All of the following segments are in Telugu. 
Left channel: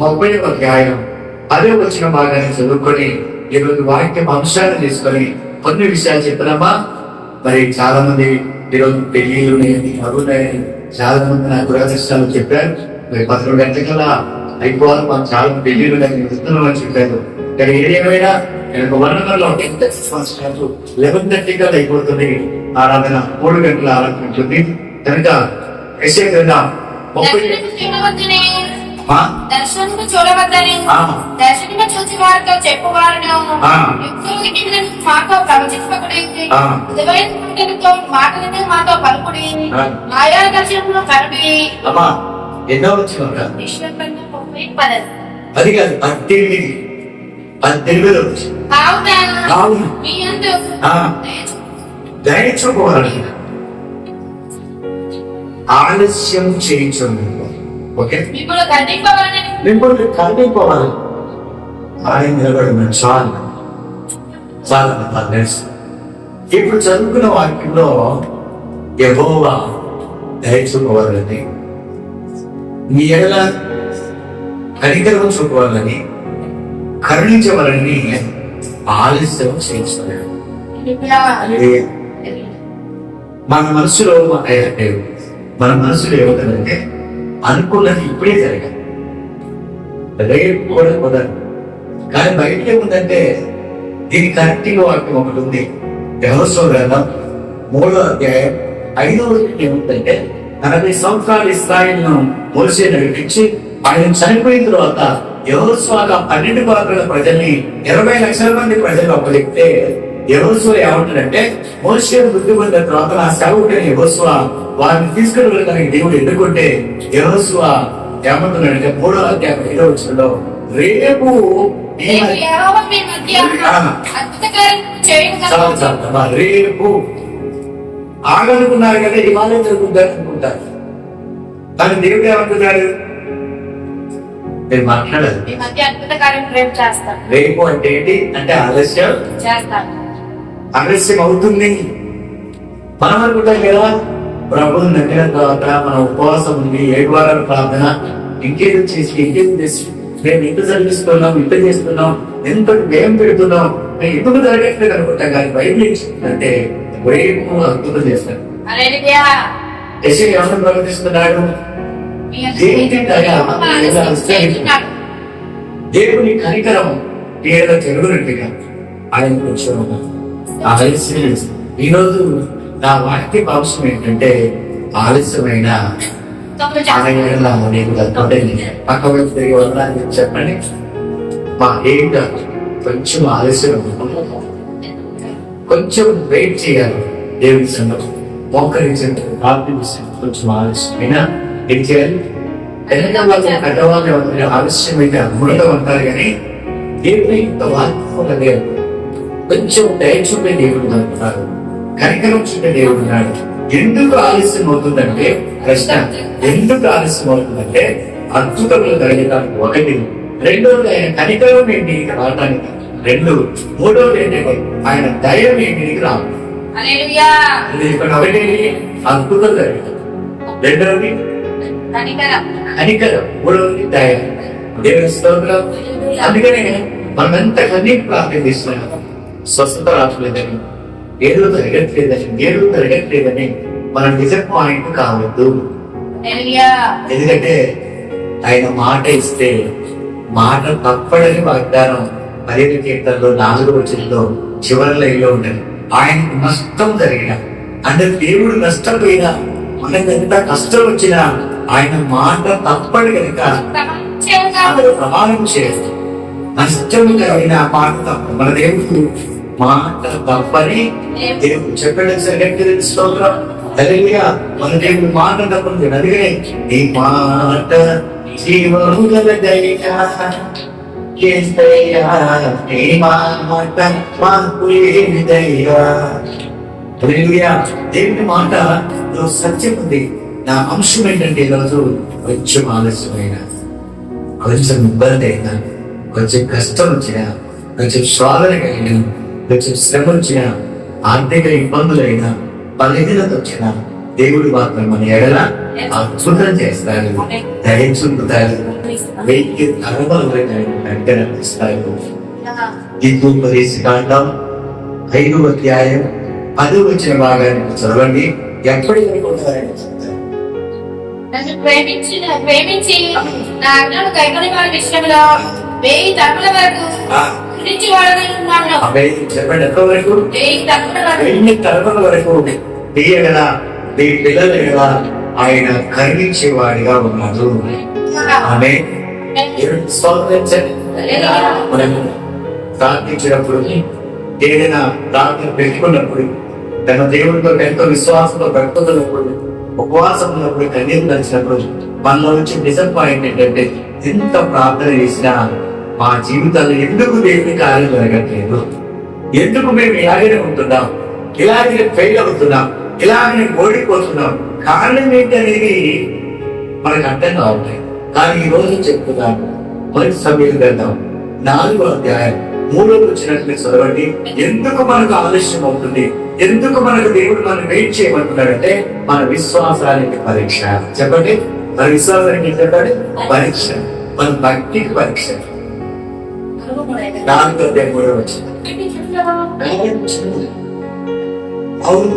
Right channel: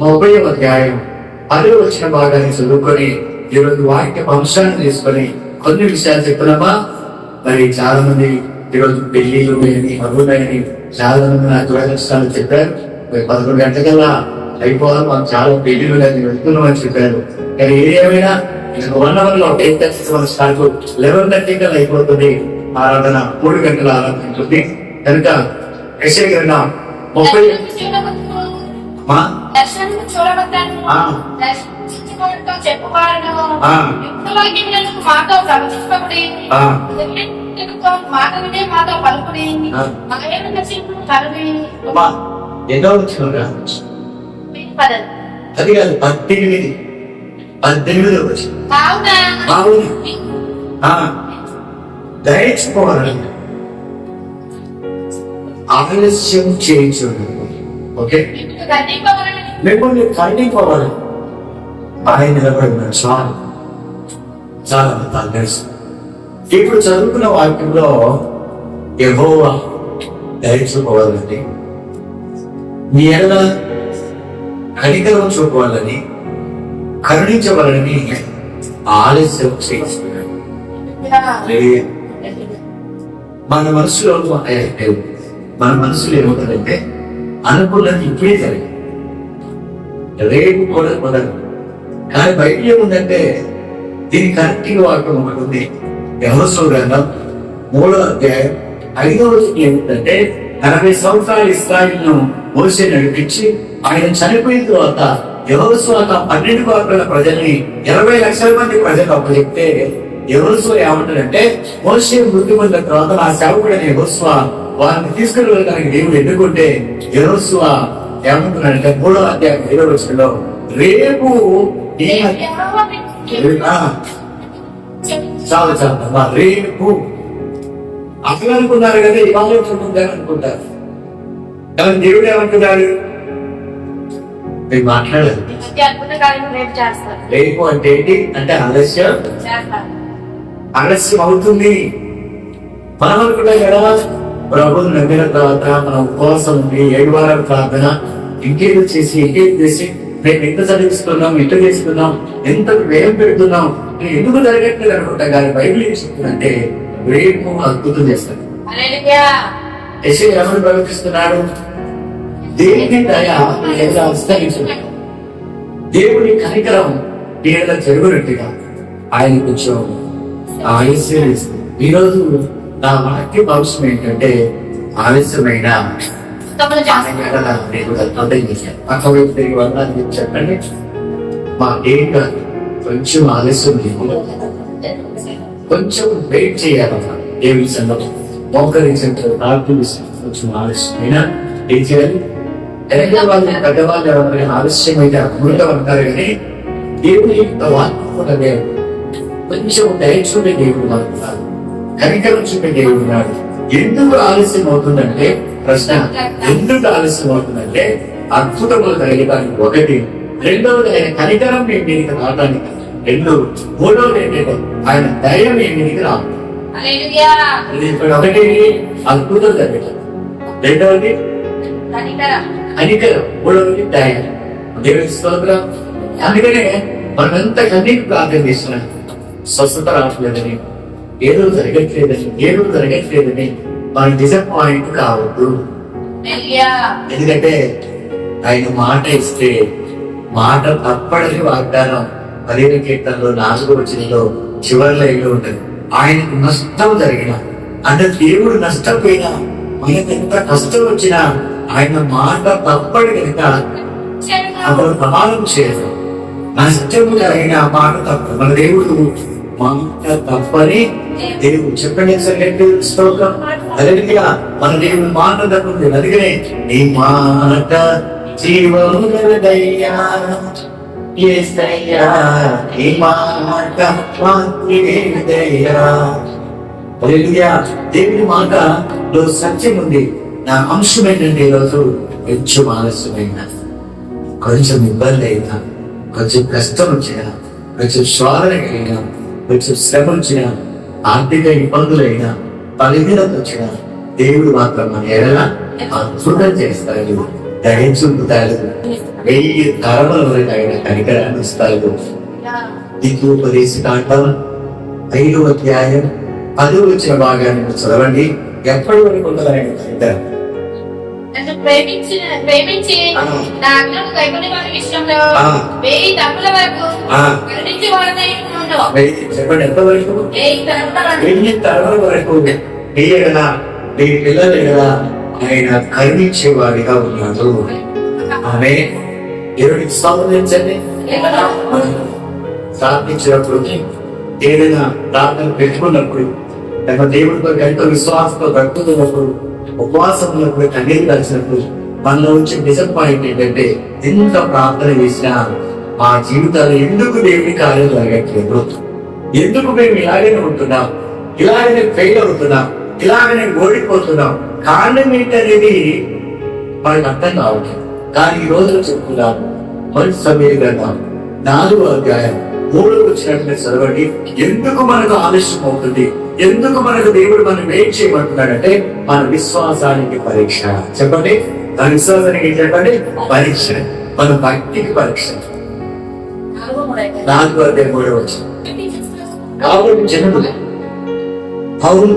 30వ అధ్యాయం 10వ వచన భాగాన్ని చదువుకొని ఈరోజు వాక్యం అంశాన్ని తీసుకొని కొన్ని విషయాలు చెప్తున్నామా. మరి చాలా మంది ఈరోజు పెళ్లిళ్ళు అగున్నాయని చాలా మంది నా దురదృష్టాలు చెప్పారు. మరి 11 గంటలకల్లా అయిపోవాలి, మాకు చాలా పెళ్లిళ్ళు వెళ్తున్నామని చెప్పారు. కానీ ఏదేమైనా నేను 1 hourలో 10:30 స్టార్ట్ 11:30 కల్లా అయిపోతుంది ఆరాధన. 3 గంటల ఆరాధన ఉంటుంది కనుక యెషయా గ్రంథం 30 దర్శనము చూడవద్దని దర్శనము చూసి వారితో చెప్పువారును యుక్తులకి మాతో ప్రవచింపకుడి మాటలనే మాతో పలుకుడి మాయా దర్శనము కనుడి. అమ్మా ఎన్నో వచ్చిన అది కాదు 18 వచ్చి దయచుకోవాలని ఆలస్యం చేయించు. ఓకే, మిమ్మల్ని ఖండించుకోవాలి. ఆయన నిలబడిన చాలు చాలా తెలుసు. ఇప్పుడు చదువుకున్న వాక్యంలో యెహోవా దయచుకోవాలని, మీ ఎడల కనికరం చూపవాలని, కరుణించవాలని ఆలస్యం చేయించుకున్నాడు. మన మనసులో ఏముందంటే అనుకున్నది ఇప్పుడే జరగాలి, రేపు కూడా కుదరదు. కానీ బయట ఏముందంటే దీని కరెక్ట్గా వాక్యం ఒకటి ఉంది. యెహోషువ గ్రంథం 3వ అధ్యాయం 5వ వచనం ఏముందంటే 40 సంవత్సరాలు ఇశ్రాయేలును మోషే నడిపించి ఆయన చనిపోయిన తర్వాత యెహోషువ 12 గోత్రాల ప్రజల్ని 20 లక్షల మంది ప్రజలు అప్పచెప్తే యెహోషువ ఏమంటాడంటే మోషే మృతి పొందిన తర్వాత నా సేవకుడైన యెహోషువ వారిని తీసుకుని వెళ్ళడానికి దేవుడు ఎన్నుకుంటే యెహోషువ ఏమంటున్నాడంటే 3వ అధ్యాయం 5వ వచనంలో రేపు రేపు ఆగనుకున్నారు కదా, ఇవాళ జరుగుతుందని అనుకుంటారు. కానీ దేవుడు ఏమంటున్నాడు, మీరు మాట్లాడాలి. రేపు అంటే ఏంటి అంటే ఆలస్యం అవుతుంది. మనం అనుకుంటాం కదా ప్రభువుని నమ్మిన తర్వాత మనం ఉపవాసం ఉంది, 7 వారాల ప్రార్థన, ఇంకేదో చేసి మేము ఇంత చదివిస్తున్నాం, ఇంత చేస్తున్నాం, ఎంత వ్యయం పెడుతున్నాం, ఎందుకు జరగట్లేదు అనుకుంటాం. కానీ బైబిల్ ఏం చెప్తుందంటే రేపు అద్భుతం చేస్తాడు. యెషయా ఎవరు ప్రవర్తిస్తున్నాడు, దేవుని దయ దేవుని కనికరం తీర జరుగునట్టుగా ఆయన కొంచెం ఆలస్యం. ఈరోజు నా వాక్య అంశం ఏంటంటే ఆలస్యమైన పక్క తిరిగి వెళ్ళడానికి చెప్పండి. మా ఏంట కొంచెం ఆలస్యం, కొంచెం వెయిట్ చేయాలి. దేవుడి సంగతి మోకరించే ప్రార్థించి కొంచెం ఆలస్యమైనా ఏం చేయాలి. వాళ్ళు పెద్దవాళ్ళు ఎవరైనా ఆలస్యమైతే అమృతం అంటారు, కానీ దేవుని వాక్యం లేదు. కొంచెం దయచూడే దేవుడు అనుకున్నారు, కనికరం చూపే దేవుడు ఉన్నాడు. ఎందుకు ఆలస్యం అవుతుందంటే ప్రశ్న, ఎందుకు ఆలస్యం అవుతుందంటే అద్భుతములు జరగడానికి ఒకటి, రెండవది ఆయన కనికరం మీ మీదికి రావడానికి 2, మూడవది ఏంటంటే ఆయన దయ మీ మీదికి రావాలి. ఇక్కడ ఒకటి అద్భుతం జరగదు, రెండవది కనికరం, మూడవది దయ. దేవుని స్తోత్రం. అందుకనే మనం ఎంత కన్నీటి ప్రార్థన చేస్తున్నాం, స్వస్థత రావట్లేదని, ఏదో జరగట్లేదని మనం డిసప్పాయింట్ కావద్దు. ఎందుకంటే ఆయన మాట ఇస్తే మాట తప్పడని వాగ్దానం 15 కీర్తనలో 4వ వచనంలో చివరి లైన్లో ఉంటుంది. ఆయనకు నష్టం జరిగిన అంటే దేవుడు నష్టపోయినా, మనకు ఎంత కష్టం వచ్చినా ఆయన మాట తప్పడు కనుక అందులో ప్రమాణం చేయదు. నష్టం జరిగిన మాట తప్ప మన దేవుడు మాట తప్పని దేవుడు చెప్పండి. స్తోత్రం. మన దేవుడు మాట తప్పండి. అందుకనే ఈ మాట జీవముదయ్యా, ఈ మాట మాకు లేదయ్యా. దేవుని మాటలో సత్యం ఉంది. నా అంశం ఏంటంటే ఈరోజు కొంచెం ఆలస్యమైనా, కొంచెం ఇబ్బంది అయినా, కొంచెం కష్టం వచ్చినా, కొంచెం శోధన కలిగిన, కొంచెం శ్రమ వచ్చిన, ఆర్థిక ఇబ్బందులైనా, బలహీనత వచ్చిన, దేవుడు మాత్రం మన ఎడల అద్భుతం చేస్తాడు, దయచూపుతాడు, 1000 తరముల వరకు ఆయన కనికరాన్ని ఇస్తాడు. ద్వితీయోపదేశకాండం 5వ అధ్యాయం 10వ వచ్చిన భాగాన్ని చదవండి. ఎప్పటి వరకు ఉంటుంది ఆయన కనికరం? నన్ను ప్రేమించి నా ఆజ్ఞలను కైకొని వారి విషయంలో 1000 తరముల వరకు కరుణించేవాడనై ఉన్నాడు. చెప్పండి, ఎంతవరకు? 1000 తరముల వరకు తీయగల మీ పిల్లల కదా ఆయన కరుణించేవాడిగా ఉన్నాడు. ఆమె దేవుడికి స్తోత్రించండి. మనం ప్రార్థించినప్పుడు, ఏదైనా ప్రార్థన పెట్టుకున్నప్పుడు, తన దేవుడితో ఎంతో విశ్వాసంతో పెట్టుకున్నప్పుడు, ఉపవాసం ఉన్నప్పుడు, కన్నీరు కలిసినప్పుడు మనలో వచ్చే డిసప్పాయింట్ ఏంటంటే, ఎంత ప్రార్థన చేసినా మా జీవితాలు ఎందుకు దేవుని కార్యం జరగట్లేదు, ఎందుకు మేము ఇలాగనే ఉంటున్నాం, ఇలాగనే ఫెయిల్ అవుతున్నాం, ఇలాగనే ఓడిపోతున్నాం, కారణం ఏంటనేది మనకు అర్థం కావట్లేదు. కానీ ఈ రోజు చెప్పుకున్నాం, మంచి సమయం వెళ్దాం 4వ అధ్యాయం 3వ వచ్చినట్లు చదవండి. ఎందుకు మనకు ఆలస్యం అవుతుంది, ఎందుకు మనకు దేవుడు మనం వెయిట్ చేయమంటున్నాడంటే మన విశ్వాసానికి పరీక్ష. చెప్పండి, మన విశ్వాసానికి చెప్పండి పరీక్ష, మన భక్తికి పరీక్ష. 4వ అధ్యాయం 3వ వచనం. కాబట్టి చిన్నది అవును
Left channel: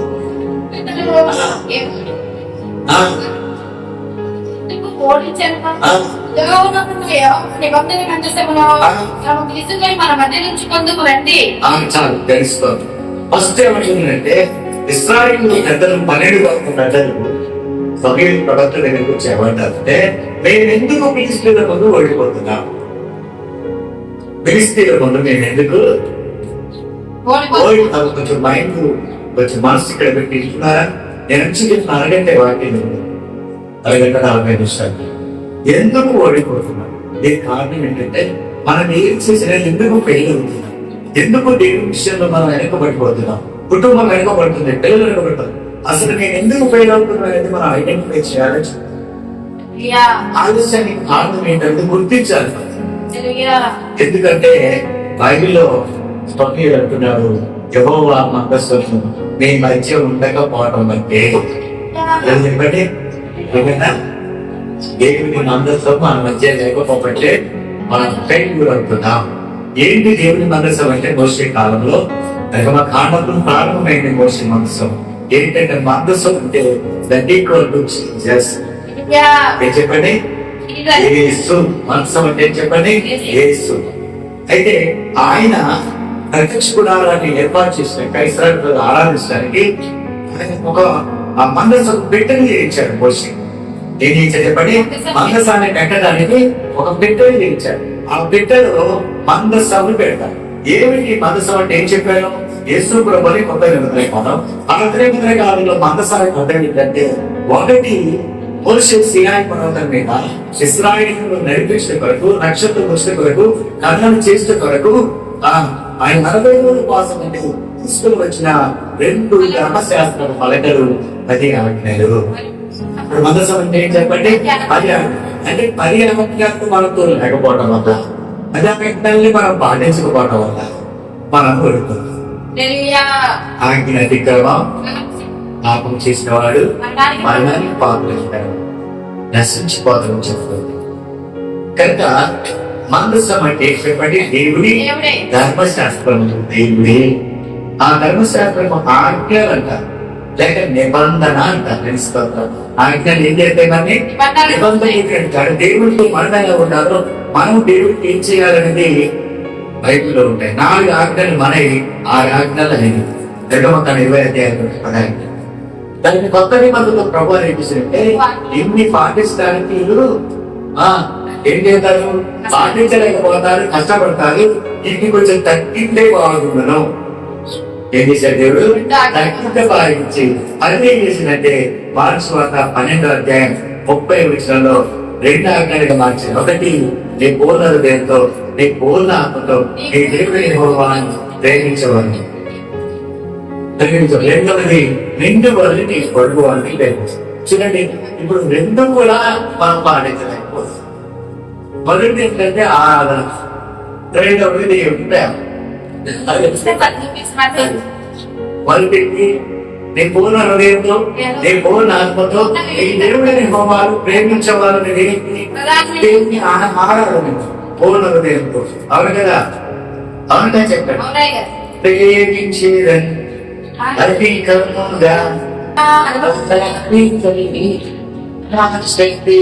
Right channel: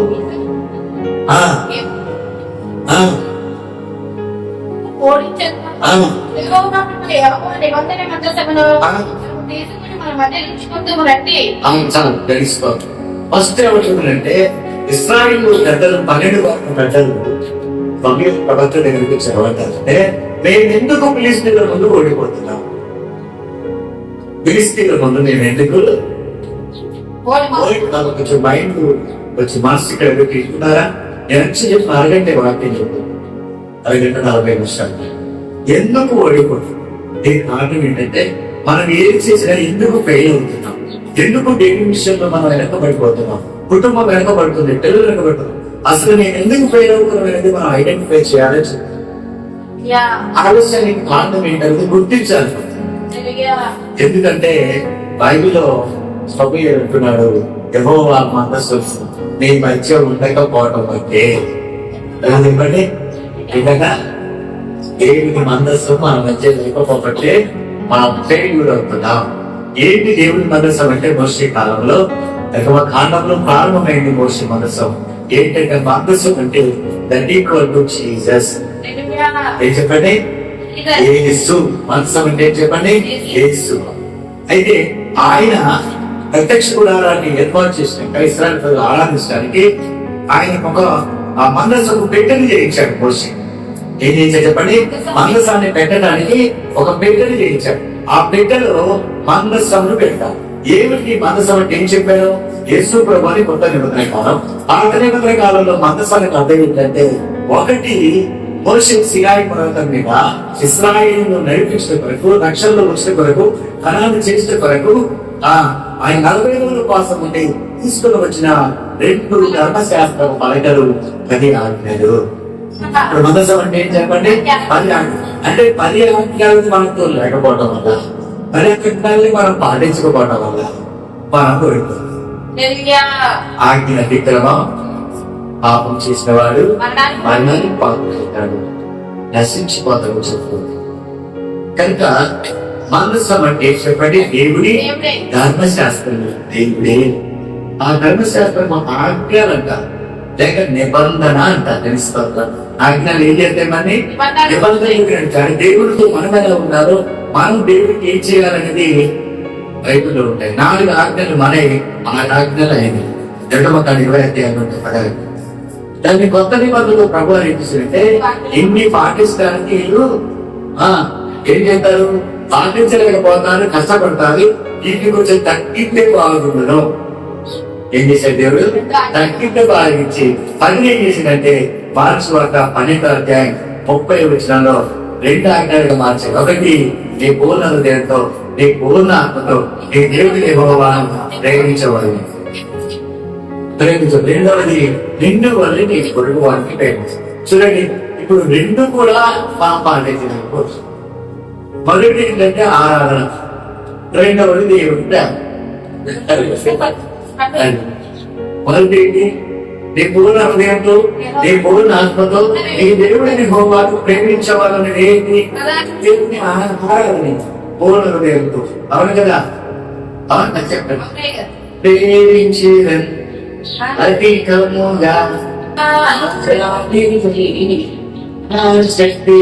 ఫస్ట్ ఏమంటుందంటే, ఇశ్రాయేలు పెద్దలు 12 పెద్దలు సమూయేలు ప్రవక్త దగ్గరికి వచ్చి ఏమంటారంటే, మేము ఎందుకు ఫిలిష్తీయుల ముందు ఓడిపోతున్నాం, ఫిలిష్తీయుల ముందు మేము ఎందుకు ఓడిపోతాం? కొంచెం మైండ్, కొంచెం మనసు ఇక్కడ పెట్టి తీసుకున్నారా? నేను చెప్పిన అరగంటే వాక్యం 2:40 నిమిషాలు. ఎందుకు ఓడిపోతున్నాం? దీనికి కారణం ఏంటంటే, మనం ఏం చేసినా ఎందుకు ఫెయిల్ అవుతున్నాం, ఎందుకు దేవుని విషయంలో మనం వెనకబడిపోతున్నాం, కుటుంబం వెనకబడుతుంది, పిల్లలు వెనకబడుతుంది. అసలు నేను ఎందుకు ఫెయిల్ అవుతున్నాం అనేది మనం ఐడెంటిఫై చేయాలి. ఆలస్యానికి కారణం ఏంటంటే గుర్తించాలి. ఎందుకంటే బైబిల్లో సమూయేలు అంటున్నాడు, యెహోవా మందస్సును నీ మధ్య ఉండకపోవటం అంటే ఎందుకంటే ఏదన్నా దేవుని మందస్సు మన మధ్య లేకపోతే మనం ఫెయిల్యూర్ అవుతున్నాం. ఏంటి దేవుని మందస్సం అంటే, మోషే కాలంలో కాండంలో ప్రారంభమైంది మోషే మందస్సం. ఏంటంటే మందస్సం అంటే దట్ ఈక్వల్ టు జీసస్. ఏం చెప్పండి? యేసు. మందస్సం అంటే ఏం చెప్పండి? యేసు. అయితే ఆయన ప్రత్యక్ష గుడారాన్ని ఏర్పాటు చేసినాక ఇశ్రాయేలు ప్రజలు ఆరాధించడానికి ఆయన ఒక మందస్సకు పెట్టెని చేయించాడు మోషే. ఏం చేయించాడు చెప్పండి? మందసాన్ని పెట్టడానికి ఒక పెట్టెని చేయించాడు. ఆ పెట్టెలో మందస్సమును పెడతారు. ఏమిటి మందసం అంటే ఏం చెప్పారు? యేసు ప్రభుని కొత్త నిబంధన కాలం. పాత నిబంధన కాలంలో మందసానికి అర్థం ఏంటంటే, ఒకటి మోషే సినాయి పర్వతం మీద ఇశ్రాయేలును నడిపించిన కొరకు, రక్షణలో వచ్చిన కొరకు, కర్ణను చేసిన కొరకు ఆయన 40 రోజుల కోసం ఉండి తీసుకుని వచ్చిన 2 ధర్మశాస్త్ర పలకలు 10 ఆజ్ఞలు. ఇప్పుడు మందసం అంటే ఏం చెప్పండి? 10 అంటే 10 ఆజ్ఞలు మనతో లేకపోవడం వల్ల, 10 ఆజ్ఞల్ని మనం పాటించకపోవడం వల్ల మనం కోరుకుంటాం. ఆజ్ఞ అతిక్రమం పాపం చేసిన వాడు మరణానికి పాల్పడతాడు, నశించిపోతాడు చెప్తుంది. కనుక మందసం అంటే చెప్పండి దేవుడి ధర్మశాస్త్రం. దేవుడే ఆ ధర్మశాస్త్రం ఆజ్ఞలు అంటారు, లేక నిబంధన అంటారు. తెలుసుకోవాలి ఆజ్ఞలు ఏం చేస్తాయి? మరి నిబంధన ఏంటంటే దేవుడితో మనం ఎలా ఉన్నారో మనం దేవుడికి ఏం చేయాలనేది బైబిల్లో ఉంటాయి. 4 ఆజ్ఞలు మనవి, 6 ఆజ్ఞలు అయినవి. నిర్గమకాండం 20 అధ్యాయంలో ఉంటాయి. దాన్ని కొత్త నిబంధనలు ప్రభు ఏమిటంటే, ఇన్ని పాటించడానికి వీళ్ళు ఏం చేస్తారు? పాటించలేకపోతారు, కష్టపడతారు. ఇంటికి కొంచెం తగ్గితే బాగుండను. ఏం చేశారు దేవుడు? తగ్గితే బాగించి పని ఏం చేసిందంటే, మార్క్స్ వార్త 12వ అధ్యాయం 30వ వచనంలో 2 ఆజ్ఞలుగా మార్చారు. ఒకటి, నీ పూర్ణ హృదయంతో, నీ పూర్ణ ఆత్మతో నీ దేవుడిని యెహోవాను ప్రేమించవాలి. రెండవది, నిన్ను వల్లి నీ పొరుగు వాడిని ప్రేమించాలి. చూడండి, ఇప్పుడు 2 కూడా మనం పాటించలేకపోవచ్చు. మొదటి ఏంటంటే ఆరాధన, రెండవది దేవుడి ప్రేమ. మొదటి నీ పూర్ణ హృదయంతో, నీ పూర్ణ ఆత్మతో ఈ దేవుడిని హోమాలు ప్రేమించవాలని దేవుని ఆరాధన పూర్ణ హృదయంతో. అవును కదా, అవునుగా చెప్పండి. ప్రేమించేదని అధికముగా శక్తి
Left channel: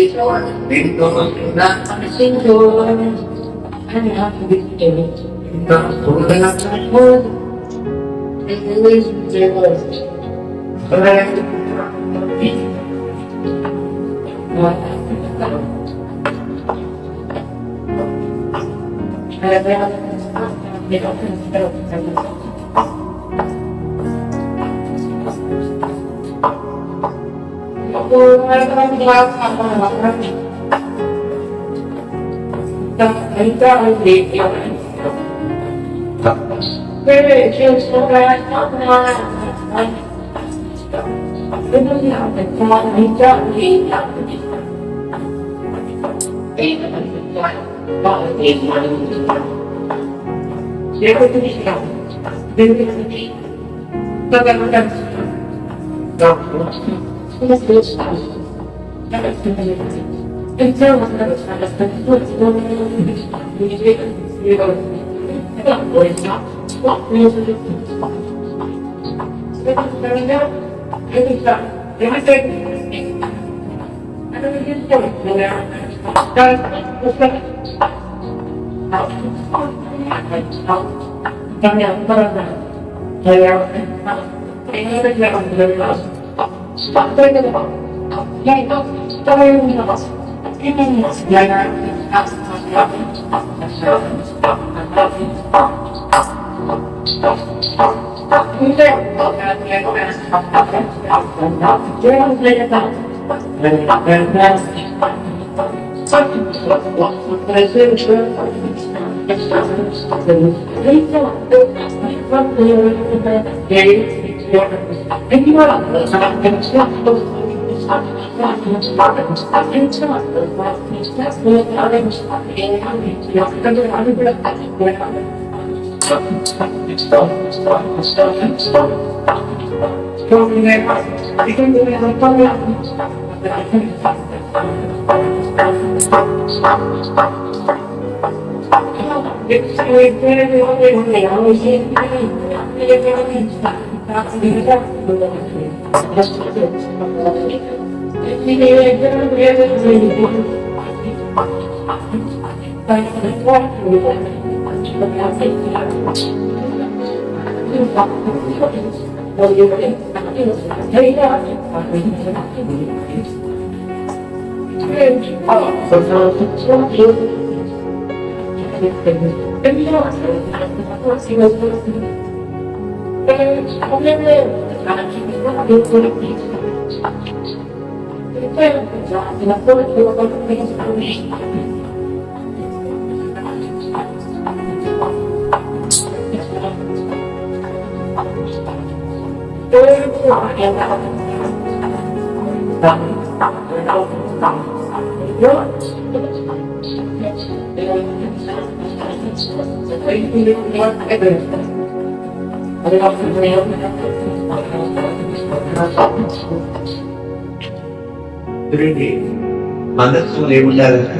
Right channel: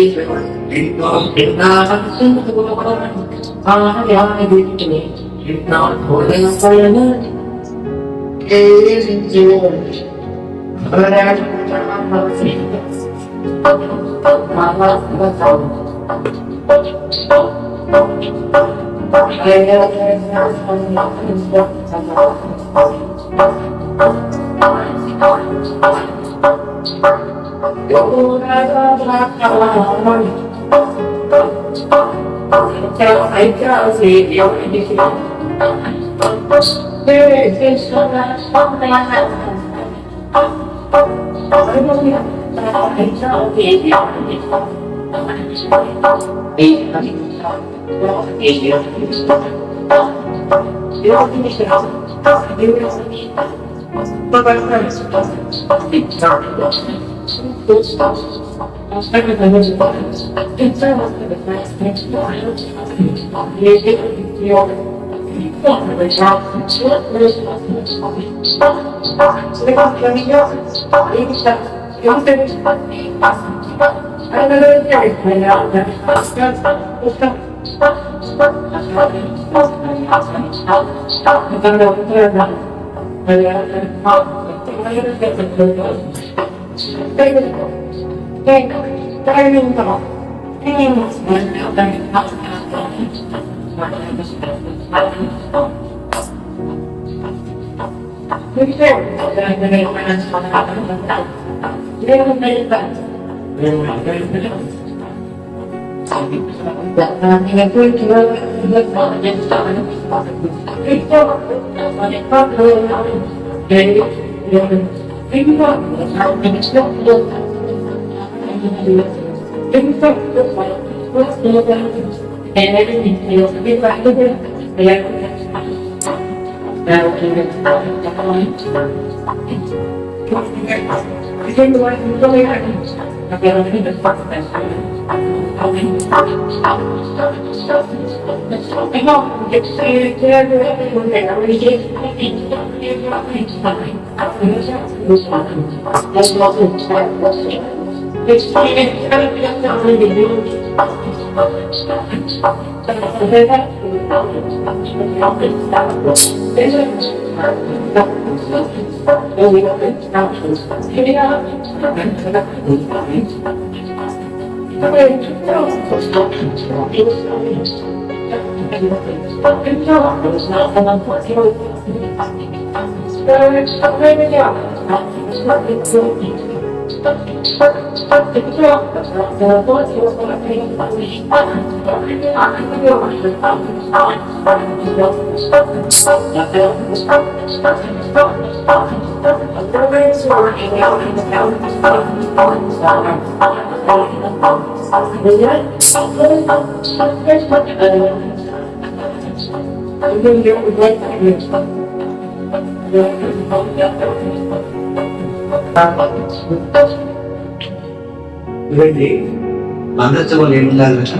బంధుత్వం ఏముండాలంట?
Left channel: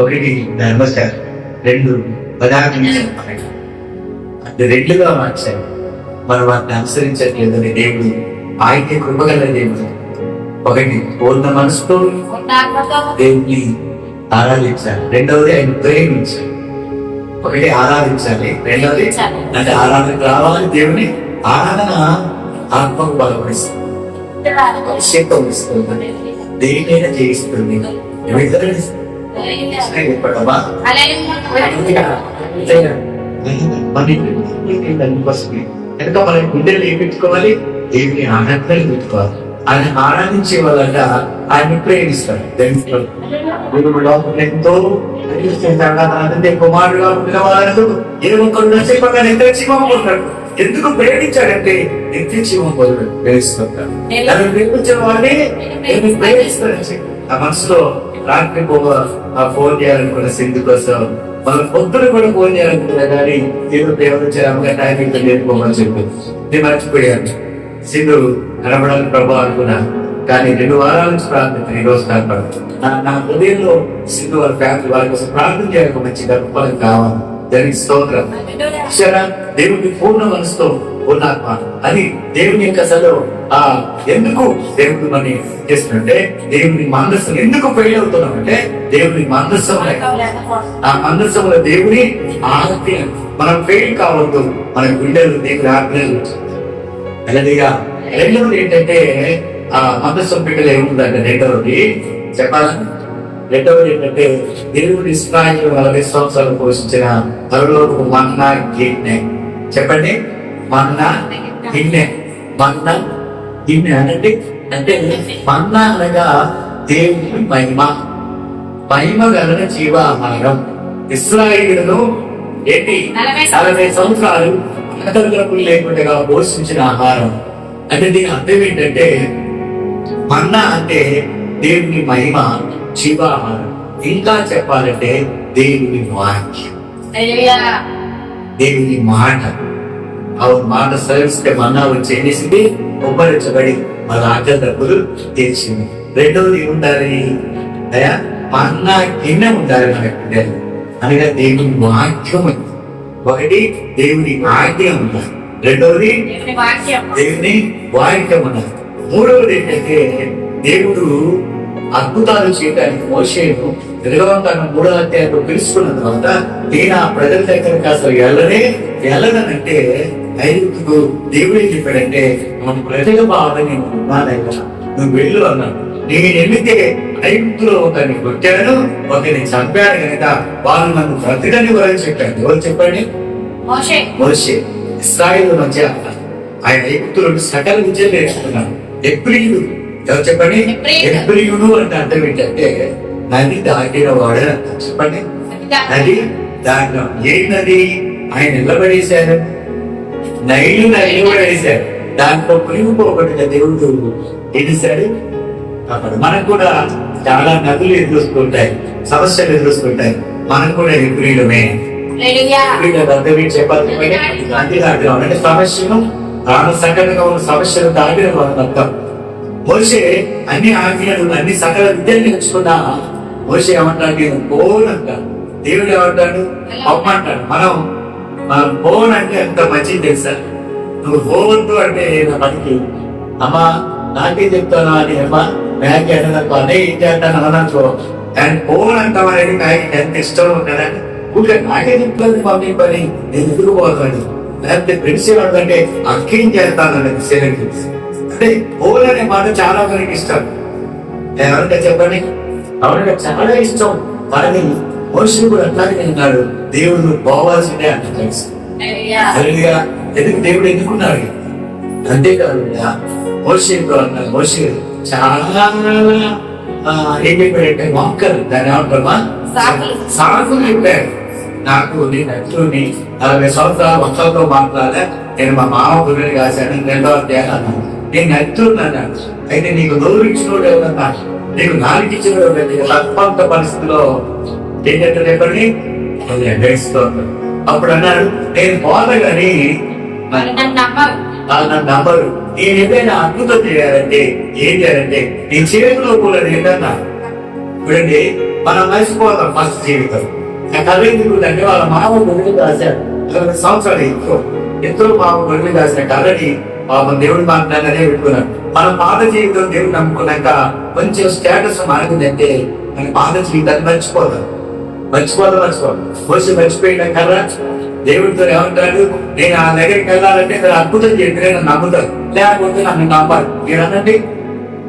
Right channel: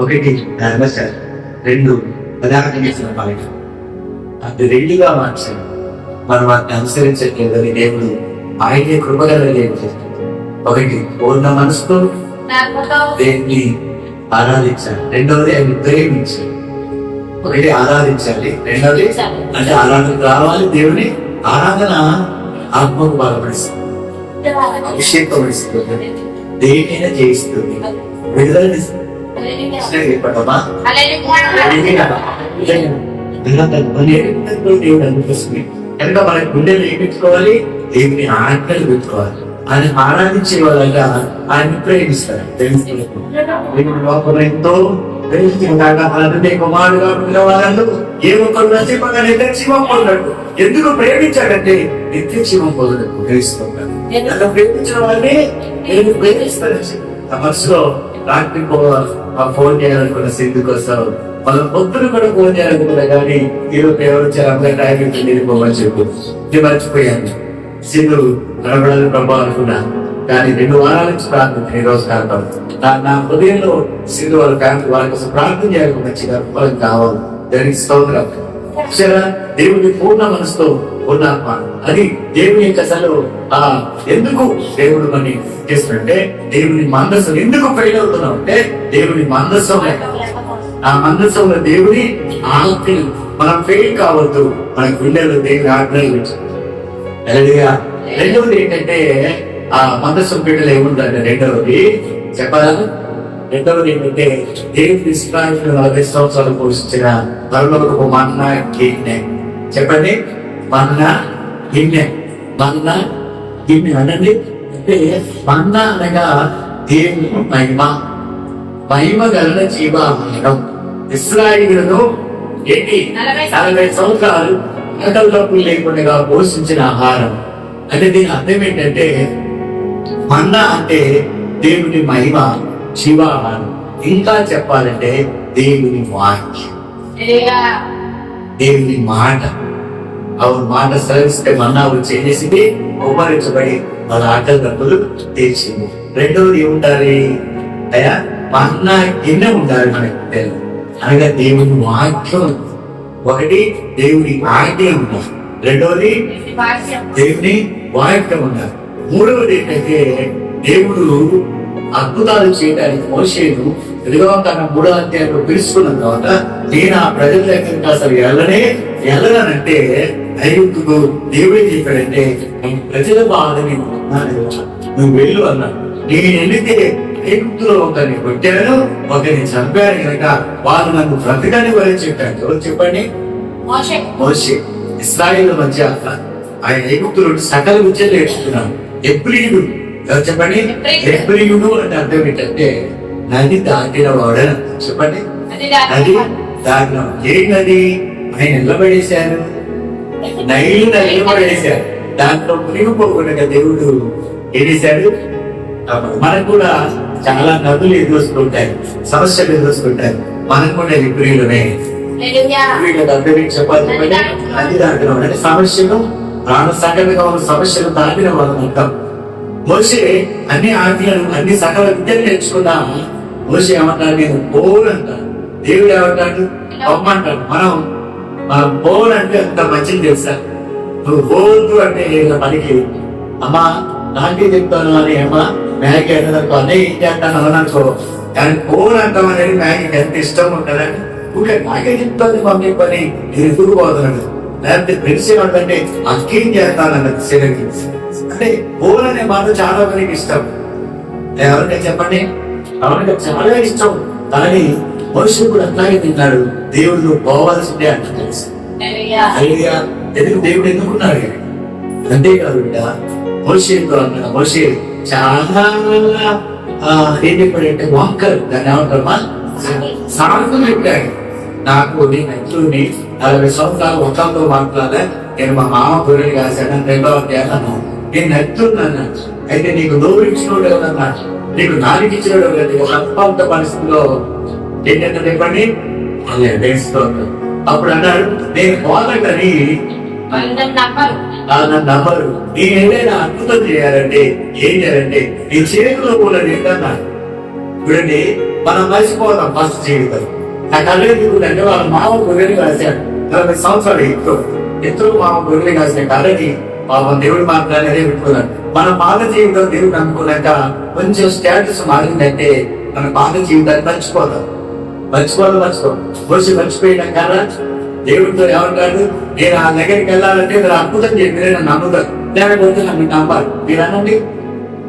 ఒకటి ధర్మశాల, రెండు పదార్థం పాలన. అది రెండుగా మార్చాలి. మనం వాటిని అనుసరించట్లేదని దేవుడు ఆయనే కృపగల దేవుడు. ఒకటి పూర్ణ మనసుతో దేవుని ఆరాధించాలి, రెండవది ఆయన ప్రేమించాలి. ఒకటి ఆరాధించాలి, రెండవది అంటే ఆరాధనకు రావాలి. దేవుని ఆరాధన ఆత్మకు బలపడిస్తుంది, అభిషేకం ఇస్తుంది, దేనికైనా చేయిస్తుంది, విడుదల దేవుడు అందుకోసమే కనుక మన గుండెలు ఏమిట్టుకోవాలి, దేవుని ఆరాధనలు పెట్టుకోవాలి. ఆయన ఆరాధించే వాళ్ళ ఆయన ప్రేమిస్తారు. ఎంతో కుమారుడుగా పిలవాలను ఏ ఒక్కరు నచ్చకుండా నిత్య జీవం పొందాడు. ఎందుకు ప్రేమించాడంటే నిత్య జీవం పొందడు ప్రేమిస్తుంటాడు. నన్ను ప్రేమించిన వాడిని నేను ప్రేమిస్తానని చెప్పి ఆ మనసులో రాత్రి ఫోన్ చేయాలనుకున్న సింధు కోసం మన పొద్దున కూడా ఫోన్ చేయాలనుకున్నా కానీ ఏదో పేరు వచ్చారు అమ్మగా టైం నేర్చుకోమని చెప్పు. నేను మర్చిపోయాను. సింధు కనబడాలి ప్రభా అనుకున్నా, కానీ 2 వారాల నుంచి ప్రార్థన ఈ రోజు కనపడదు. నా హృదయంలో సింధు వాళ్ళ ఫ్యామిలీ వాళ్ళ కోసం ప్రార్థన చేయాలి, మంచి గర్భఫలం కావాలి. దానికి స్తోత్రం. చూసారా, దేవుడిని పూర్ణ మనసుతో పూర్ణాత్మ అది దేవుని యొక్క అసలు ఎందుకు దేవుడు మనం చేస్తుంటే, దేవుని మందస్సం ఎందుకు ఫెయిల్ అవుతున్నాం అంటే, దేవుని మందస్సం ఆ మందస్సంలో దేవుని ఆజ్ఞ మనం ఫెయిల్ కావద్దు. మన గుండెలు దేవుని ఆజ్ఞలు. అలాగా రెండవది ఏంటంటే, ఆ మందస్సం బిడ్డలు ఏముందంటే రెండవది చెప్పాలా, రెండవది ఏంటంటే దేవుడు ఇశ్రాయేలు 40 సంవత్సరాలు పోషించిన పరలోకపు మన్నా గిన్నె. చెప్పండి, మన్నా గిన్నె. మన్నా గిన్నె అనండి. అంటే మన్నా అనగా దేవుని మహిమ గల జీవాహారం. ఇశ్రాయేలును ఏంటి 40 సంవత్సరాలు ఆకలికప్పులు లేకుండా పోషించిన ఆహారం. అంటే దీని అర్థం ఏంటంటే, మన్నా అంటే దేవుని మహిమ, జీవాహారం. ఇంకా చెప్పాలంటే దేవుని వాక్యం, దేవుని మాట. అవును, మాట సెలవిస్తే మన్నా వచ్చి ఏం చేసింది, ఉపరించబడి వాళ్ళ ఆకలి డబ్బులు తీర్చింది. రెండవది ఏముండాలి అయ్యా, మన్నా గిన్నె ఉండాలి మనకి, అనగా దేవుని వాక్యం. ఒకటి దేవుని ఆజ్ఞ ఉండాలి, రెండవది దేవుని వాక్యం ఉండాలి. మూడవది ఏంటంటే, దేవుడు అద్భుతాలు చేయడానికి మోషేను నిర్గమకాండం 3వ అధ్యాయంలో పిలుచుకున్న తర్వాత, నేను ఆ ప్రజల దగ్గరికి అసలు వెళ్ళనంటే ఐగుప్తుకు దేవుడు ఏం చెప్పాడంటే, ప్రజల బాధని నువ్వు వెళ్ళు అన్నాడు. నేను వెళితే ఐగుప్తులో ఒకరిని కొట్టాను, ఒకరిని చంపాను కనుక వాళ్ళు నన్ను బ్రతకని వారని చెప్పాడు. ఎవరు చెప్పండి? మోషే. ఇశ్రాయేలు మధ్య ఆయన ఐగుప్తులో సకల విద్యలు నేర్చుకున్నాడు. ఎబ్రీయుడు. ఎవరు చెప్పండి? ఎబ్రీయుడు అంటే అర్థం ఏంటంటే నది దాటిన వాడు. చెప్పండి, నది దాటిన. ఏ నది? ఆయన నిలబడేశారు, నైలు నిలబడేశారు. దాంట్లో మునిగిపోకుండా దేవుడు ఏం చేశాడు? మనకు కూడా చాలా నదులు ఎదురుస్తుంటాయి, సమస్యలు ఎదురుస్తుంటాయి. మనకు కూడా ఎబ్రీయులమే. చెప్పాలి, నది దాటిన అంటే సమస్యను, ప్రాణ సంకటంగా ఉన్న సమస్యలు దాటిన వాళ్ళని అర్థం. మోషే అన్ని ఆజ్ఞలు, అన్ని సకల విద్యలు నేర్చుకున్నా మోషే ఏమంటాడు? నేను పోన్ అంటాడు. దేవుడు ఏమంటాడు? అమ్మంటాడు. మనం పోన్ అంటే ఎంత మంచిది తెలుసా? నువ్వు పోవద్దు అంటే పనికి అమ్మా నాకే చెప్తాను అని అమ్మా మ్యాగీ అన్నదనుకో, అనే ఇంటి అంటాను అన్నదనుకో, కానీ పోన్ అంటాం అనేది మ్యాగీ ఎంత ఇష్టం ఉంటుందని ఊరికే నాకే చెప్తాను మమ్మీ పని, నేను ఎదురు పోతాడు. లేకపోతే ఫ్రెండ్స్ ఏమంటే అక్కేం చేస్తాను అన్నది సేనకి. అంటే పోన్ అనే మాట చాలా మందికి ఇష్టం. ఎవరికైనా చెప్పండి, ఎవరికి చాలా ఇష్టం. కానీ మనుషులు కూడా అట్లాగే తింటాడు. దేవుడు నువ్వు పోవాల్సిందే అంట తెలుసు. ఎందుకు దేవుడు ఎందుకున్నాడు? అంతేకాదు మోషే చాలా ఏం చెప్పాడంటే వాక్కలు, దాన్ని ఏమంటారమ్మా సాకులు చెప్పాడు. నాకు నేను నచ్చుని 40 సంవత్సరాలు ఒక్కలతో మాట్లాడా, నేను మా మామ గురిని కాశాను 2వ అధ్యాయం అన్నాను. నేను నచ్చున్నాను. అయితే నీకు నోరు ఇచ్చినోడు ఎవరన్నా, నీకు నాలుగు ఇచ్చినోడు ఎవరైతే అల్పంత పరిస్థితిలో ఏంటంటే చెప్పండి అప్పుడు అన్నాడు, నేను పోతగాని నన్ను నమ్మరు. నేను ఏదైనా అద్భుతం చేయాలంటే ఏం చేయాలంటే నీ చేతిలో కూడా ఏంటన్నా చూడండి. మనం మర్చిపోతాం ఫస్ట్ జీవితం. నా కళ్ళ ఎందుకుంటే వాళ్ళ మామ గొర్రెలు కాశాడు 20 సంవత్సరాలు ఎంతో మామ గొర్రెలు కాసిన కళ్ళని పాపం దేవుడు మాట్లాడనే పెట్టుకున్నాడు. మన పాత జీవితం దేవుడు నమ్ముకున్నాక కొంచెం స్టేటస్ మారిందంటే మన పాత జీవితాన్ని మర్చిపోతాం. మోషే మర్చిపోయిన కర్ర దేవుడితో ఏమంటాడు? నేను ఆ దగ్గరికి వెళ్ళాలంటే మీరు అద్భుతం చెప్పి నన్ను నమ్ముతారు, లేకపోతే నన్ను నమ్మాలి. మీరు అనండి,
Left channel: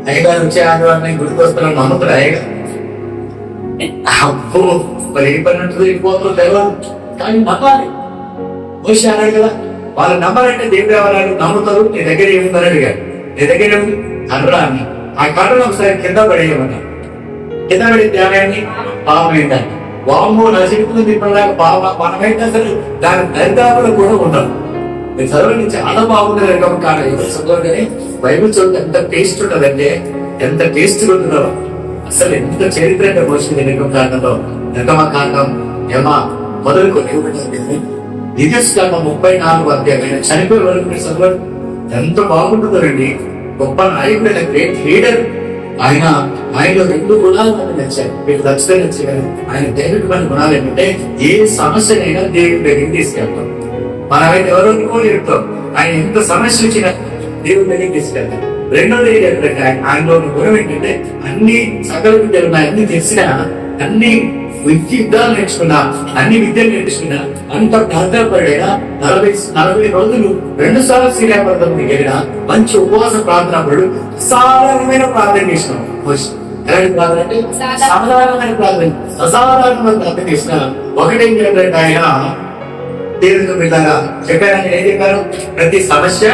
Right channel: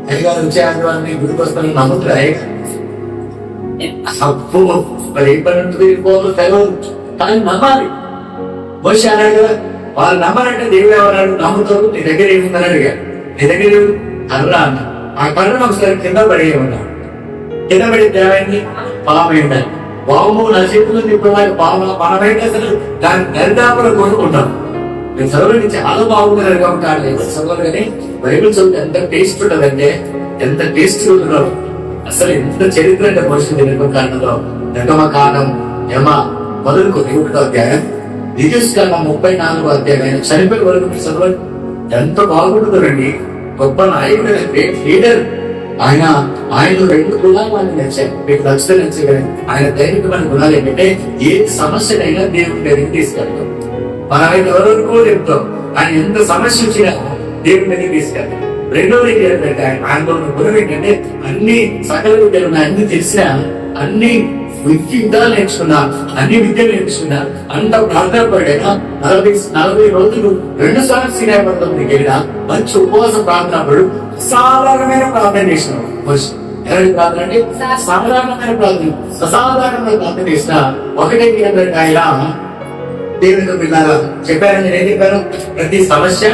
అయ్యగారు వచ్చే ఆదివారం గుడికి వస్తారని నమ్ముతారు అయ్యగారు. అప్పు మరి ఏ పని ఉంటుంది పోతుంది తెలియదు, కానీ నమ్మాలి. మోషే అన్నాడు కదా, వాళ్ళు నమ్మాలంటే దేవుడు ఎవరు నమ్ముతారు. నీ దగ్గర ఏముందని అడిగారు. నీ దగ్గర కర్ర అన్న. ఆ కర్రను ఒకసారి కింద పడేయమన్నారు. కింద పడే దేవాన్ని పాపం ఏంటని వాము నశిస్తుంది. ఇప్పుడు మనమైతే అసలు దాని దరిదాపులో కూడా ఉన్నాం. నేను చదువుని చాలా బాగుంది నిర్గమ కాండం చదువు, కానీ బైబిల్ చదువు ఎంత టేస్ట్ ఉండదంటే ఎంత టేస్ట్ ఉంటుందో. అసలు ఎంత చరిత్ర అంటే మనుషులు నిర్గమ కాండంలో. నిర్గమ కాండం మొదలుకొని 1వ అధ్యాయం, ద్వితీయోపదేశకాండం 34వ అధ్యాయం చనిపోయే వరకు మీరు చదవండి. ఎంత బాగుంటుందండి. గొప్ప నాయకుడైన గ్రేట్ లీడర్ ఆయన. ఆయనలో 2 గుణాలు మనకు నచ్చాయి. మీకు నచ్చితే నచ్చగలి ఆయన దైవికమైన గుణాలు ఏంటంటే ఏ సమస్యనైనా దేవుడి దగ్గరికి తీసుకెళ్తాం. మన ఆయన ఎవరో చెప్తాం. ఆయన ఎంత సమస్య వచ్చినా దేవుడి దగ్గరికి తీసుకెళ్తాం. రెండోది ఏంటంటే ఆయనలో గుణం ఏంటంటే అన్ని సకల విద్యలు ఉన్నాయి, అన్ని తెలిసినా, అన్ని యుద్ధాలు నేర్చుకున్నా, అన్ని విద్యలు నేర్చుకున్నా, అంత ప్రార్థన పడైనా 40 రోజులు 2 సార్లు శ్రీరామర్థం వెళ్ళినా మంచి ఉపవాస ప్రార్థన పడు సాధారణమైన ప్రార్థన చేసినాం. ఎలాంటి ప్రార్థన అంటే సాధారణమైన ప్రార్థన, అసాధారణమైన ప్రార్థన చేసిన ఒకటే ఏంటంటే ఆయన దేవుడితో పిల్లగా చెప్పారని ఏం చెప్పారు? ప్రతి సమస్య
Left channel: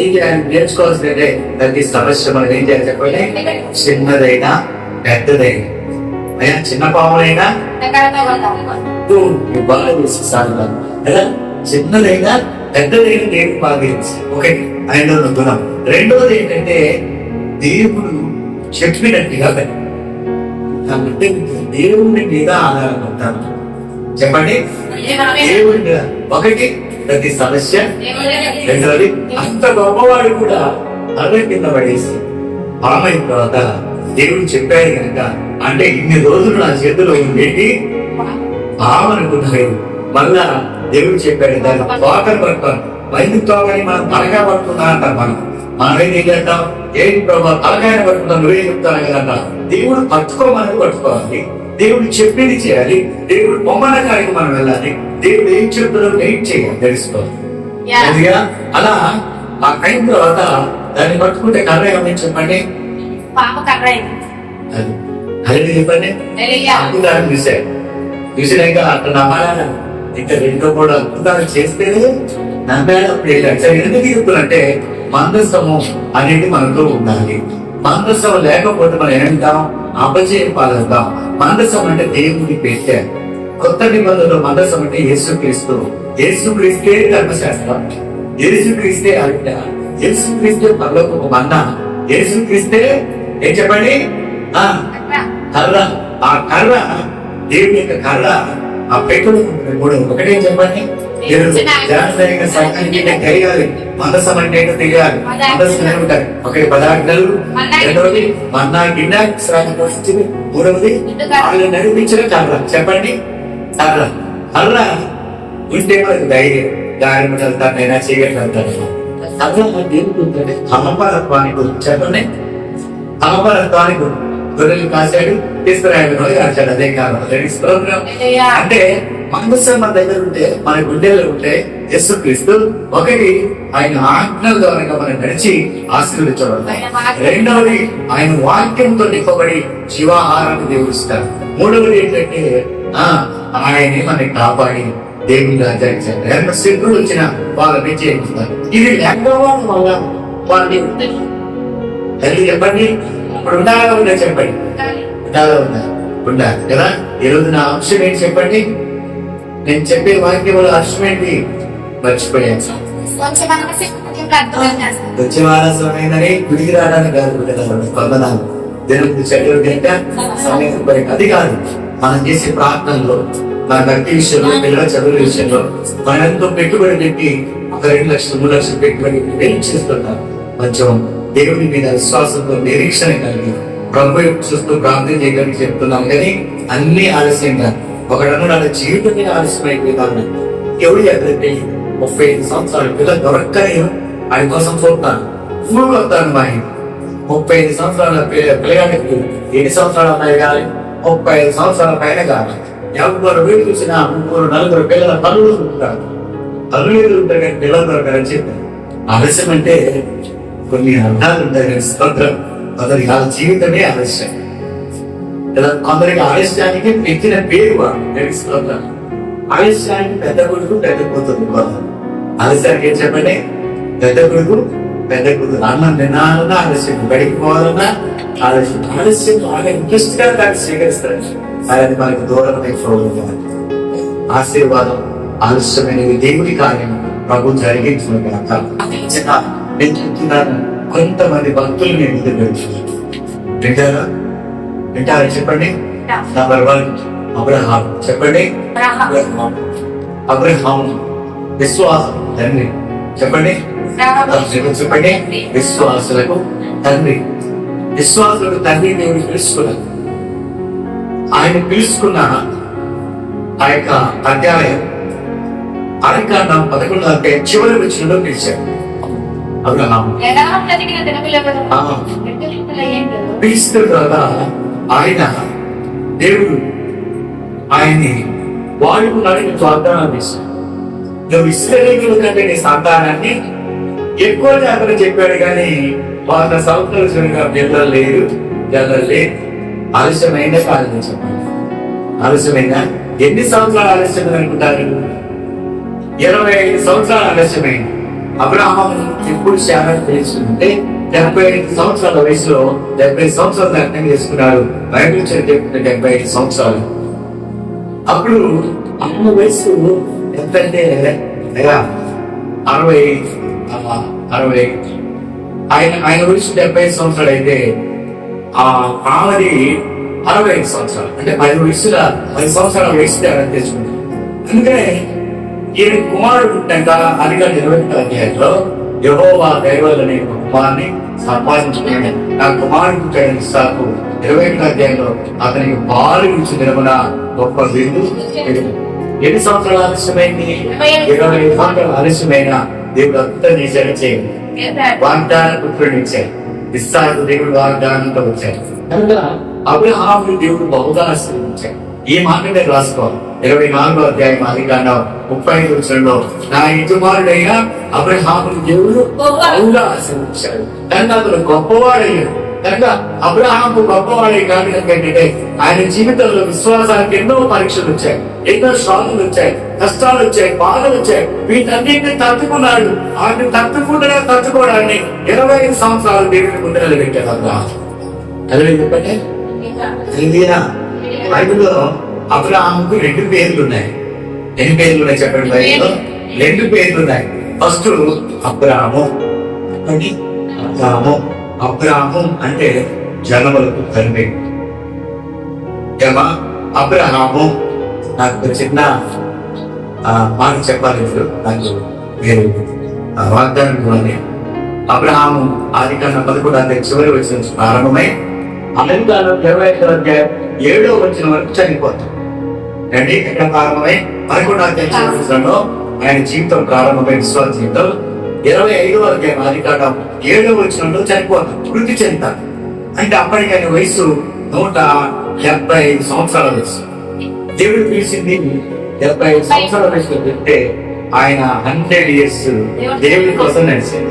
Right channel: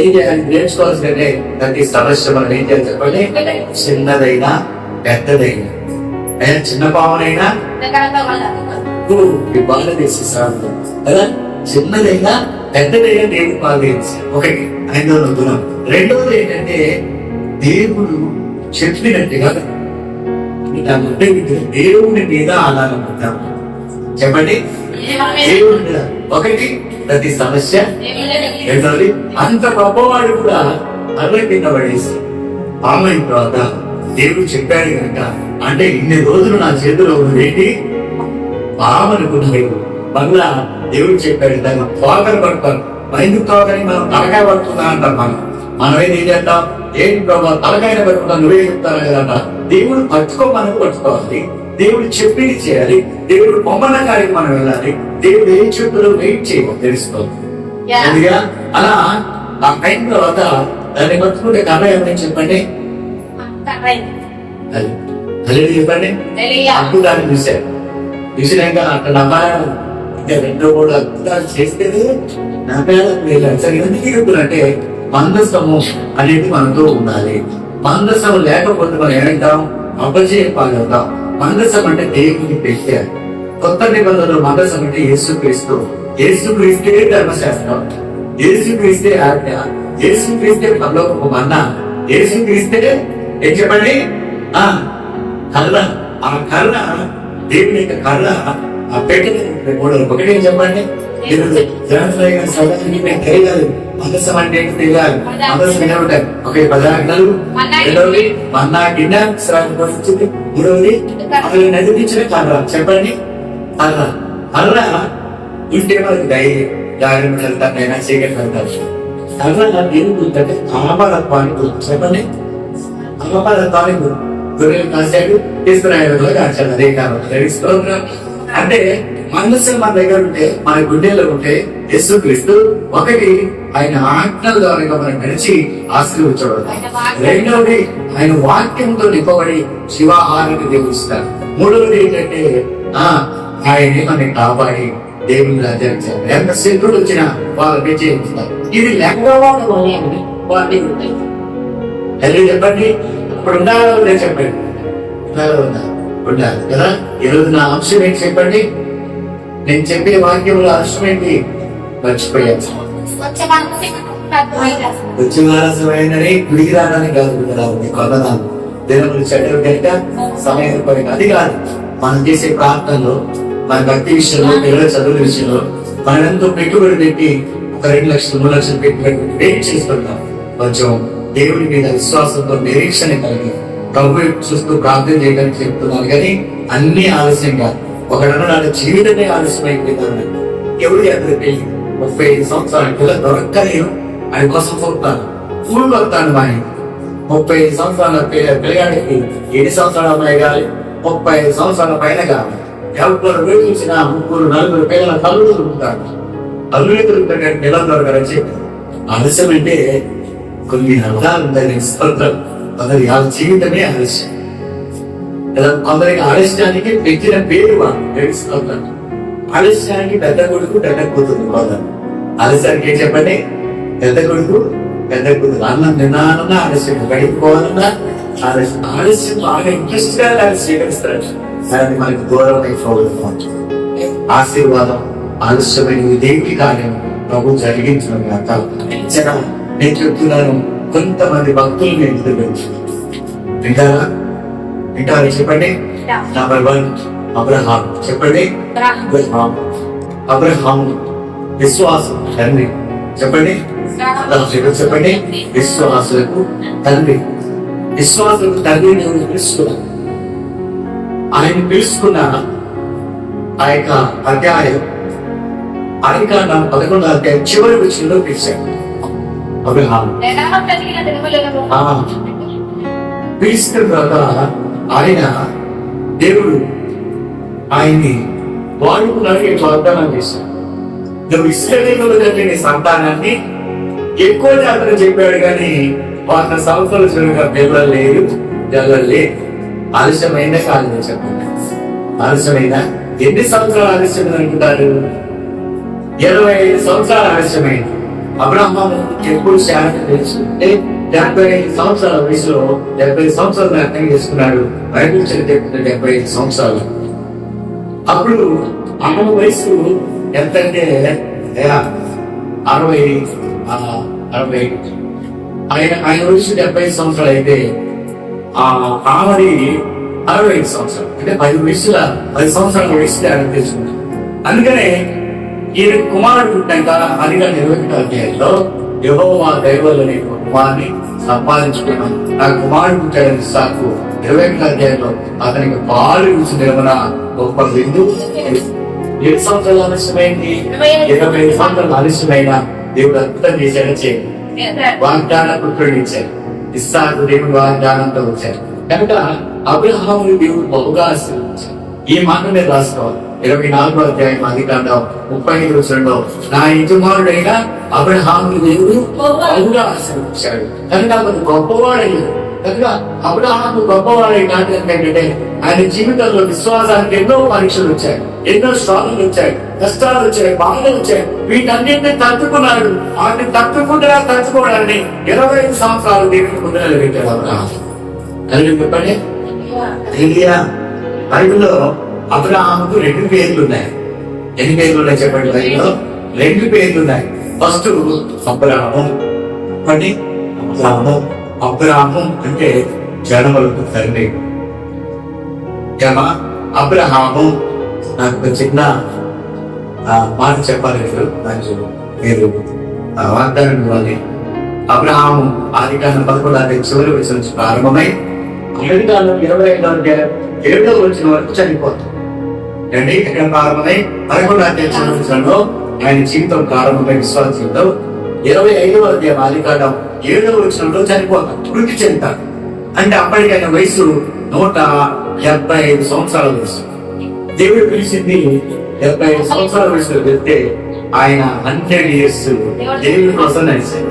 ఏం చేయాలి నేర్చుకోవాల్సిందంటే ప్రతి సమస్య మనం ఏం చేయాలి చెప్పండి. చిన్నదైనా పెద్దదైనా, అయినా చిన్న పాములైనా బాగా తీసిస్తారు కదా. చిన్నదైనా పెద్దదైనా దేవుడు బాగా తీసి ఒకటి ఆయనలో గుణం. రెండవది ఏంటంటే దేవుడు చెప్పినట్టుగా దేవుడి మీద ఆధారం పడతారు. చెప్పండి, దేవుడి మీద ఒకటి ప్రతి సమస్య. రెండవది అంత గొప్పవాడు కూడా అర్ర కింద పడేసి పామైన తర్వాత దేవుడు చెప్పాడు కనుక, అంటే ఇన్ని రోజులు నా చేతిలో పెట్టి పామనుకున్నాడు. మళ్ళా దేవుడు చెప్పాడు దాన్ని తోకలు పడతాను. ఎందుకు తోకని మనం తలకాయ పడుతున్నా అంటాం. మనం ఏం చేద్దాం? ఏంటి ప్రభావ తలకాయన పట్టుకుంటాం, నువ్వే చెప్తాను కదా. దేవుడు పట్టుకోమని పట్టుకోవాలి, దేవుడు చెప్పింది చేయాలి, దేవుడు బొమ్మల కాడికి మనం వెళ్ళాలి, దేవుడు ఏం చెప్తాడో వెయిట్ చేయాలి తెలుసుకోవాలి. అలా ఆ టైం తర్వాత దాన్ని పట్టుకుంటే కర్ర ఏమని చెప్పండి. అది చెప్పండి. అద్భుతాలు చూసాక అక్కడ నమ్మాలి. ఇంకా 2-3 అద్భుతాలు చేస్తేనే నమ్మాడు. ఎందుకు చెప్తున్నంటే మందస్థము అనేది మనతో ఉండాలి. మందస్థం లేకపోతే మనం ఏమంటాం? అపజయం పాలవుతాం. మందసం అంటే దేవుడికి పెట్టారు. కొత్త నిబంధనలో మందసం అంటే యేసుక్రీస్తు. యేసుక్రీస్తే ధర్మశాస్త్రం, యేసుక్రీస్తే ఆజ్ఞ, యేసుక్రీస్తే పరలోకపు మన్నా, యేసుక్రీస్తే ఏం చెప్పండి కర్ర. ఆ కర్ర దేవుని యొక్క కర్ర. ఆ పెట్టలు 3 ఒకటి ఏం చెప్పండి. తెలియాలి మందసం అంటే ఏంటో తెలియాలి. మందసం ఏమిటాయి? ఒకే 10 ఆజ్ఞలు. రెండవది మన్నా గిన్నె శ్రామించింది. మూడవది ఆయన నడిపించిన కర్ర. చెప్పండి కర్ర. కర్ర ఉంటే మనకి ధైర్యం, దాని తనైనా చేయగలుగుతారు. కర్ర దేని గురించి? అమరత్వానికి గురించి. చెప్పండి అమరత్వానికి గురించి. గొర్రెలు కాశాడు, తీసుకురాయడంలో కాశాడు. అదే కాబట్టి అంటే మనసు మన దగ్గర ఉంటే, మన గుండెలో ఉంటే యేసుక్రీస్తు ఒకటి ఆయన ఆజ్ఞల ద్వారా మనం నడిచి ఆశీర్వదించడం. రెండవది ఆయన వాక్యంతో నింపబడి జీవాహారాన్ని దేవుడు ఇస్తారు. మూడవది ఏంటంటే ఆయనే మనకి కాపాడి దేవుని రాజ్యానికి ఎంత శత్రుడు వచ్చినా వాళ్ళని చేయించుతారు. ఇది లేకపోవడం వల్ల వాళ్ళని తల్లి చెప్పండి. ఇప్పుడు ఉండాలి చెప్పండి. ఉండాలి కదా. ఈరోజు నా అంశం ఏంటి చెప్పండి. నేను చెప్పే వాక్యంలో అంశం ఏంటి మర్చిపోయాను. వచ్చే వారసమైనని గుడికి రావడానికి కాదు కొందనాలు దేవుడు చెడ్డలు కనుక సమయం పైన అది కాదు. మనం చేసే ప్రార్థనలో, మన భక్తి విషయంలో, పిల్లల చదువుల విషయంలో మనం ఎంతో పెట్టుబడి పెట్టి 1-2 లక్షలు 3 లక్షలు పెట్టుబడి వెయిట్ చేసుకుంటాం. కొంచెం దేవుడి మీద విశ్వాసంతో నిరీక్షణ కలిగి ప్రభు చూస్తూ ప్రార్థన చేయగలిగి చెప్తున్నాను. కానీ అన్ని ఆలస్యంగా ఒకడన్నాడు జీవితమే ఆలస్యమైపోయింది. ఎవరు చేస్తే 35 సంవత్సరాలు పిల్లలు దొరక్కని ఆయన కోసం చూస్తాను. ఊళ్ళు వస్తాను. మా 35 సంవత్సరాల పిల్లగాడికి 7 సంవత్సరాల అమ్మాయి కాదు, 35 సంవత్సరాల పైన కాదు. ఎవరు వీడు చూసిన 3-4 పిల్లల తల్లులు దొరుకుతారు. తల్లులు దొరుకుతారు కానీ పిల్లలు దొరకరని చెప్పి. ఆలస్యం అంటే కొన్ని అర్థాలు ఉంటాయి. స్తోత్రం. కొందరికి వాళ్ళ జీవితమే ఆలస్యం. కొందరికి ఆలస్యానికి పెట్టిన పేరు స్తోత్రం. ఆలస్యానికి పెద్ద కొడుకు పెద్ద కూతురు. ఆలస్యానికి ఏం చెప్పండి? పెద్ద కొడుకు పెద్ద కూతురు. అన్నం తినాలన్నా ఆలస్యం, బయటకు పోవాలన్నా ఆలస్యం. ఆలస్యం బాగా ఇంట్రెస్ట్ గా దాన్ని స్వీకరిస్తారు. అది మనకు దూరం అయిపోవడం. ఆశీర్వాదం ఆలస్యమైనవి దేవుడి కార్యం ప్రభు జరిగించిన నేను చెప్తున్నాను. కొంతమంది భక్తులు నేను వింటారా? వింటారా చెప్పండి. Number 1 Abraham. చెప్పండి అబ్రహాం. విశ్వాసం తండ్రి. చెప్పండి చెప్పండి. విశ్వాసులకు తండ్రి. విశ్వాసులకు తండ్రి నేను పిలుచుకున్నాను. ఆయన పిలుచుకున్న ఆ యొక్క అధ్యాయం ఆదికాండం 11వ అధ్యాయం చివరి వచనంలో పిలిచాడు. అబ్రహాము పిలిచిన తర్వాత ఆయన దేవుడు ఆయన్ని వాడుకున్నాడు. వాగ్దానం చేశాడు. నువ్వు ఇశ్రాయేలీయుల కంటే నీ సంతానాన్ని ఎక్కువ జాగ్రత్త చెప్పాడు, కానీ 100 సంవత్సరాలు చూడగా పిల్లలు జల్లలేదు. ఆలస్యమైందా కాలేదు చెప్పండి. ఆలస్యమైందా? ఎన్ని సంవత్సరాలు ఆలస్యం అనుకుంటారు? 25 సంవత్సరాలు ఆలస్యమైంది. అబ్రహాము ఎప్పుడు శారం తెలుసుకుంటే 75 సంవత్సరాల వయసులో 70 సంవత్సరాలు అర్థం చేసుకున్నాడు. బైబిల్ చెప్తుంటే 75 సంవత్సరాలు. అప్పుడు అమ్మ వయసు ఎంతంటే 60 ఆయన వయసు 75 సంవత్సరాలు అయితే ఆ ఆమెది 65 సంవత్సరాలు. అంటే 10 సంవత్సరాల వయసు తేడా తెలుసుకుంటారు. అందుకనే ఈయన కుమారుడు పుట్టాక అదిగా 21వ అధ్యాయంలో యెహోవా దైవలు అనే కుమారుని సంపాదించుకుని నా కుమారుడు పుట్టాడని ఇస్సాకు 21వ అధ్యాయంలో అతనికి పాలు ఇచ్చిన గొప్ప విందు. 7 సంవత్సరాలు ఆలస్యమైంది. 25 సంవత్సరాలు ఆలస్యమైన దేవుడు అద్భుతం చేశాడు. చేయండి వాగ్దాన పుత్రుడు ఇచ్చాడు. ఇస్సాకు దేవుడు వాగ్దానంతో వచ్చాడు. కనుక అబ్రహాము దేవుడు బహుగా ఆశీర్వదించాడు. ఈ మాట మీరు రాసుకోవాలి. 24వ అధ్యాయం ఆదికాండం 35వ వచనంలో నా యజమానుడైన అబ్రహామును దేవుడు బహుగా ఆశీర్వదించాడు. కనుక అతను గొప్పవాడయ్యాడు. కనుక అబ్రహాము గొప్పవాడే కాదు. ఏంటంటే ఆయన జీవితంలో విశ్వాసానికి ఎన్నో పరీక్షలు వచ్చాయి, ఎన్నో శ్వాసలు వచ్చాయి, కష్టాలు వచ్చాయి, బాధలు వచ్చాయి. వీటన్నింటినీ తట్టుకున్నాడు. వాటిని తట్టుకోవడాన్ని 25 సంవత్సరాలు దేవుని ముందు నిలబెట్టాడు అబ్రహాము. చెప్పండి. బైబిల్లో అబ్రహాముకు 2 పేర్లు ఉన్నాయి. ఎన్ని పేర్లు ఉన్నాయి చెప్పండి? బైబిల్లో 2 పేర్లు ఉన్నాయి. ఫస్ట్ అబ్రాము. చెప్పండి. అబ్రాము అంటే జనములకు తండ్రి. అబ్రహాము నాకు చిన్న మాట చెప్పాలి. ఇప్పుడు నాకు మీరు వాగ్దానం ఇవ్వాలి. అబ్రహాము ఆదికాండం 11వ అధ్యాయం చివరి వచనం నుంచి ప్రారంభమై అమెరికాలో 25వ అధ్యాయం 7వ వచనం వరకు చనిపోతాడు. రండి, ఎక్కడ ప్రారంభమై 11వ అధ్యాయం చివరి వచనంలో ఆయన జీవితం ప్రారంభమై విశ్వాస జీవితం 25వ అధ్యాయం ఆదికాండం 7వ వచనంలో చనిపోతాడు. వృద్ధి చెందుతాడు. అంటే అప్పటికి ఆయన వయసు 175 సంవత్సరాల వయసు. దేవుడు పిలిచింది 75 సంవత్సరాల వయసులో వెళ్తే ఆయన 100 years దేవుడి కోసం నడిచాడు.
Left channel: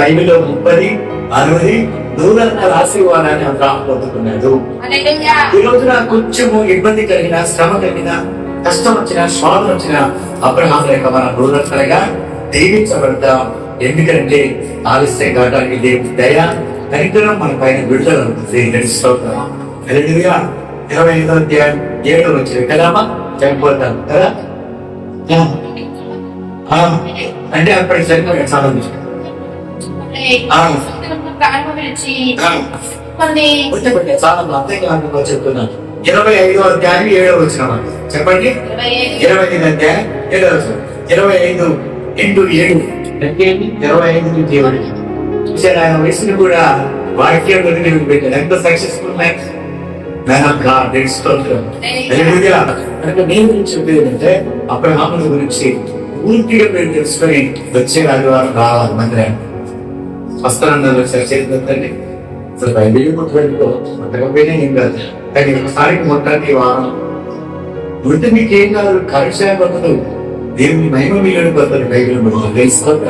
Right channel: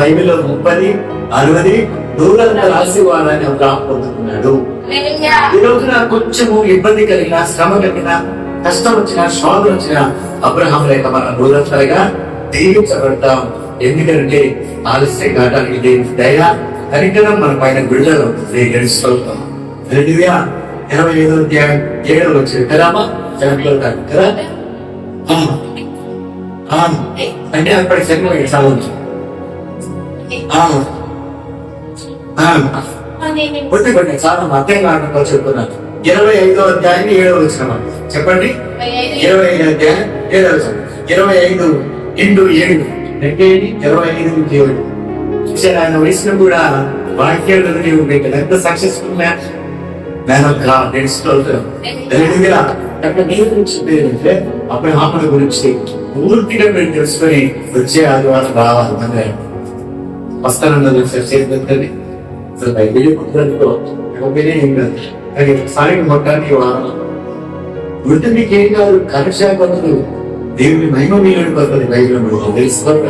బైబిల్లో 30, 60, 100 ఆశీర్వాదాన్ని అబ్రహాము పొందుకున్నాడు. ఈ రోజున కొంచెము ఇబ్బంది కలిగిన, శ్రమ కలిగిన, కష్టం వచ్చిన, శోధన వచ్చిన అబ్రహాము లేక మనం 100గా దీవించబడతాం. ఎందుకంటే ఆలస్యం కావడానికి దేవుడి దయ, కనికరం మన పైన విడుదల అవుతుంది. నడుస్తాం. 25వ అధ్యాయం 7వ వచనం కదామా చనిపోతాడు కదా. అంటే అప్పటి చనిపోయి సాధించు చాలా అర్థం కాకుండా చెప్తున్నాను. 25వ అధ్యాయం 7వ వచనం చెప్పండి. 25వ అధ్యాయం 7వ వచనం. 25 into 7 25 దేవుడు చూసారు. ఆయన వయసును కూడా వాక్యాలు పెట్టాడు. ఎంత సక్సెస్ఫుల్ మ్యాన్ ఆఫ్ గాడ్. చెప్పేదంటే అబ్రహాముల గురించి పూర్తిగా మీరు తెలుసుకొని వచ్చే ఆదివారం రావాలి మందిరాన్ని. వస్తానన్నారు చేతులండి. అసలు బైబిల్ పుట్టకపోయినా ఏం కాదు, కానీ ఒకసారి మొత్తానికి వారం ఉంటే మీకేం కాదు. కరెక్షన్ పద్ధతులు దేవుని మహిమ మీలోని పద్ధతులు బైబిల్ తెలుసుకోక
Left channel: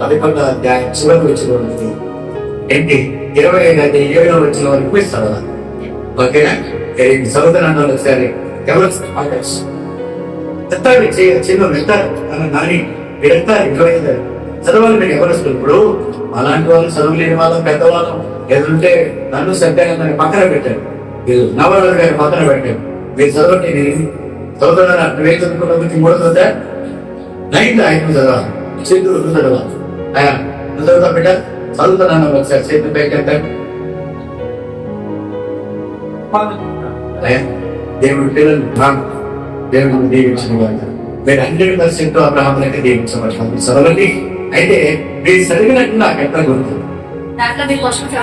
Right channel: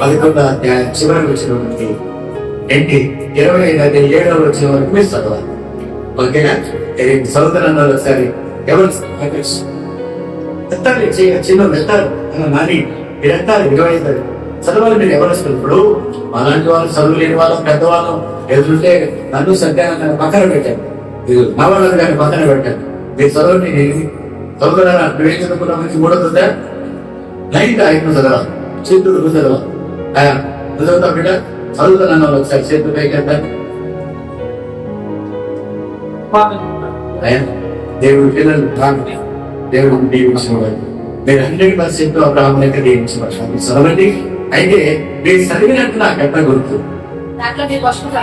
11వ అధ్యాయం చివరి వచ్చిన ఏంటి 25వ అధ్యాయం 7వ వచ్చిన వరకు మీరు చదవాలి. ఓకేనా? చదువుతానన్నారు ఒకసారి. ఎవరు ఎత్తాలి చిన్న ఎత్తారు అన్న నాని మీరు ఎత్తాలి 25 చదవాలి. మీరు ఎవరు ఇప్పుడు అలాంటి వాళ్ళు చదువు లేని వాళ్ళం పెద్దవాళ్ళం ఎదురుంటే నన్ను సత్యాన్ని పక్కన పెట్టారు. మీరు నవరాలు గారిని పక్కన పెట్టారు. మీరు చదవండి. నేను చదువుతున్నారా? నువ్వేం చదువుకున్నది 3 9 5 చదవాలి. చేతులు చదవాలి. నువ్వు చదువుతా బిడ్డ చదువుతున్నాను. ఒకసారి చేతులు పైకెత్తాను. దేవుడు పిల్లలు దేవుడిని దీవించిన వాళ్ళు మీరు 100% అబ్రహాం లెక్క దీవించబడతారు. చదవండి. అయితే మీరు చదివినట్టు నాకు ఎట్లా గుర్తు దాంట్లో మీ క్వశ్చన్స్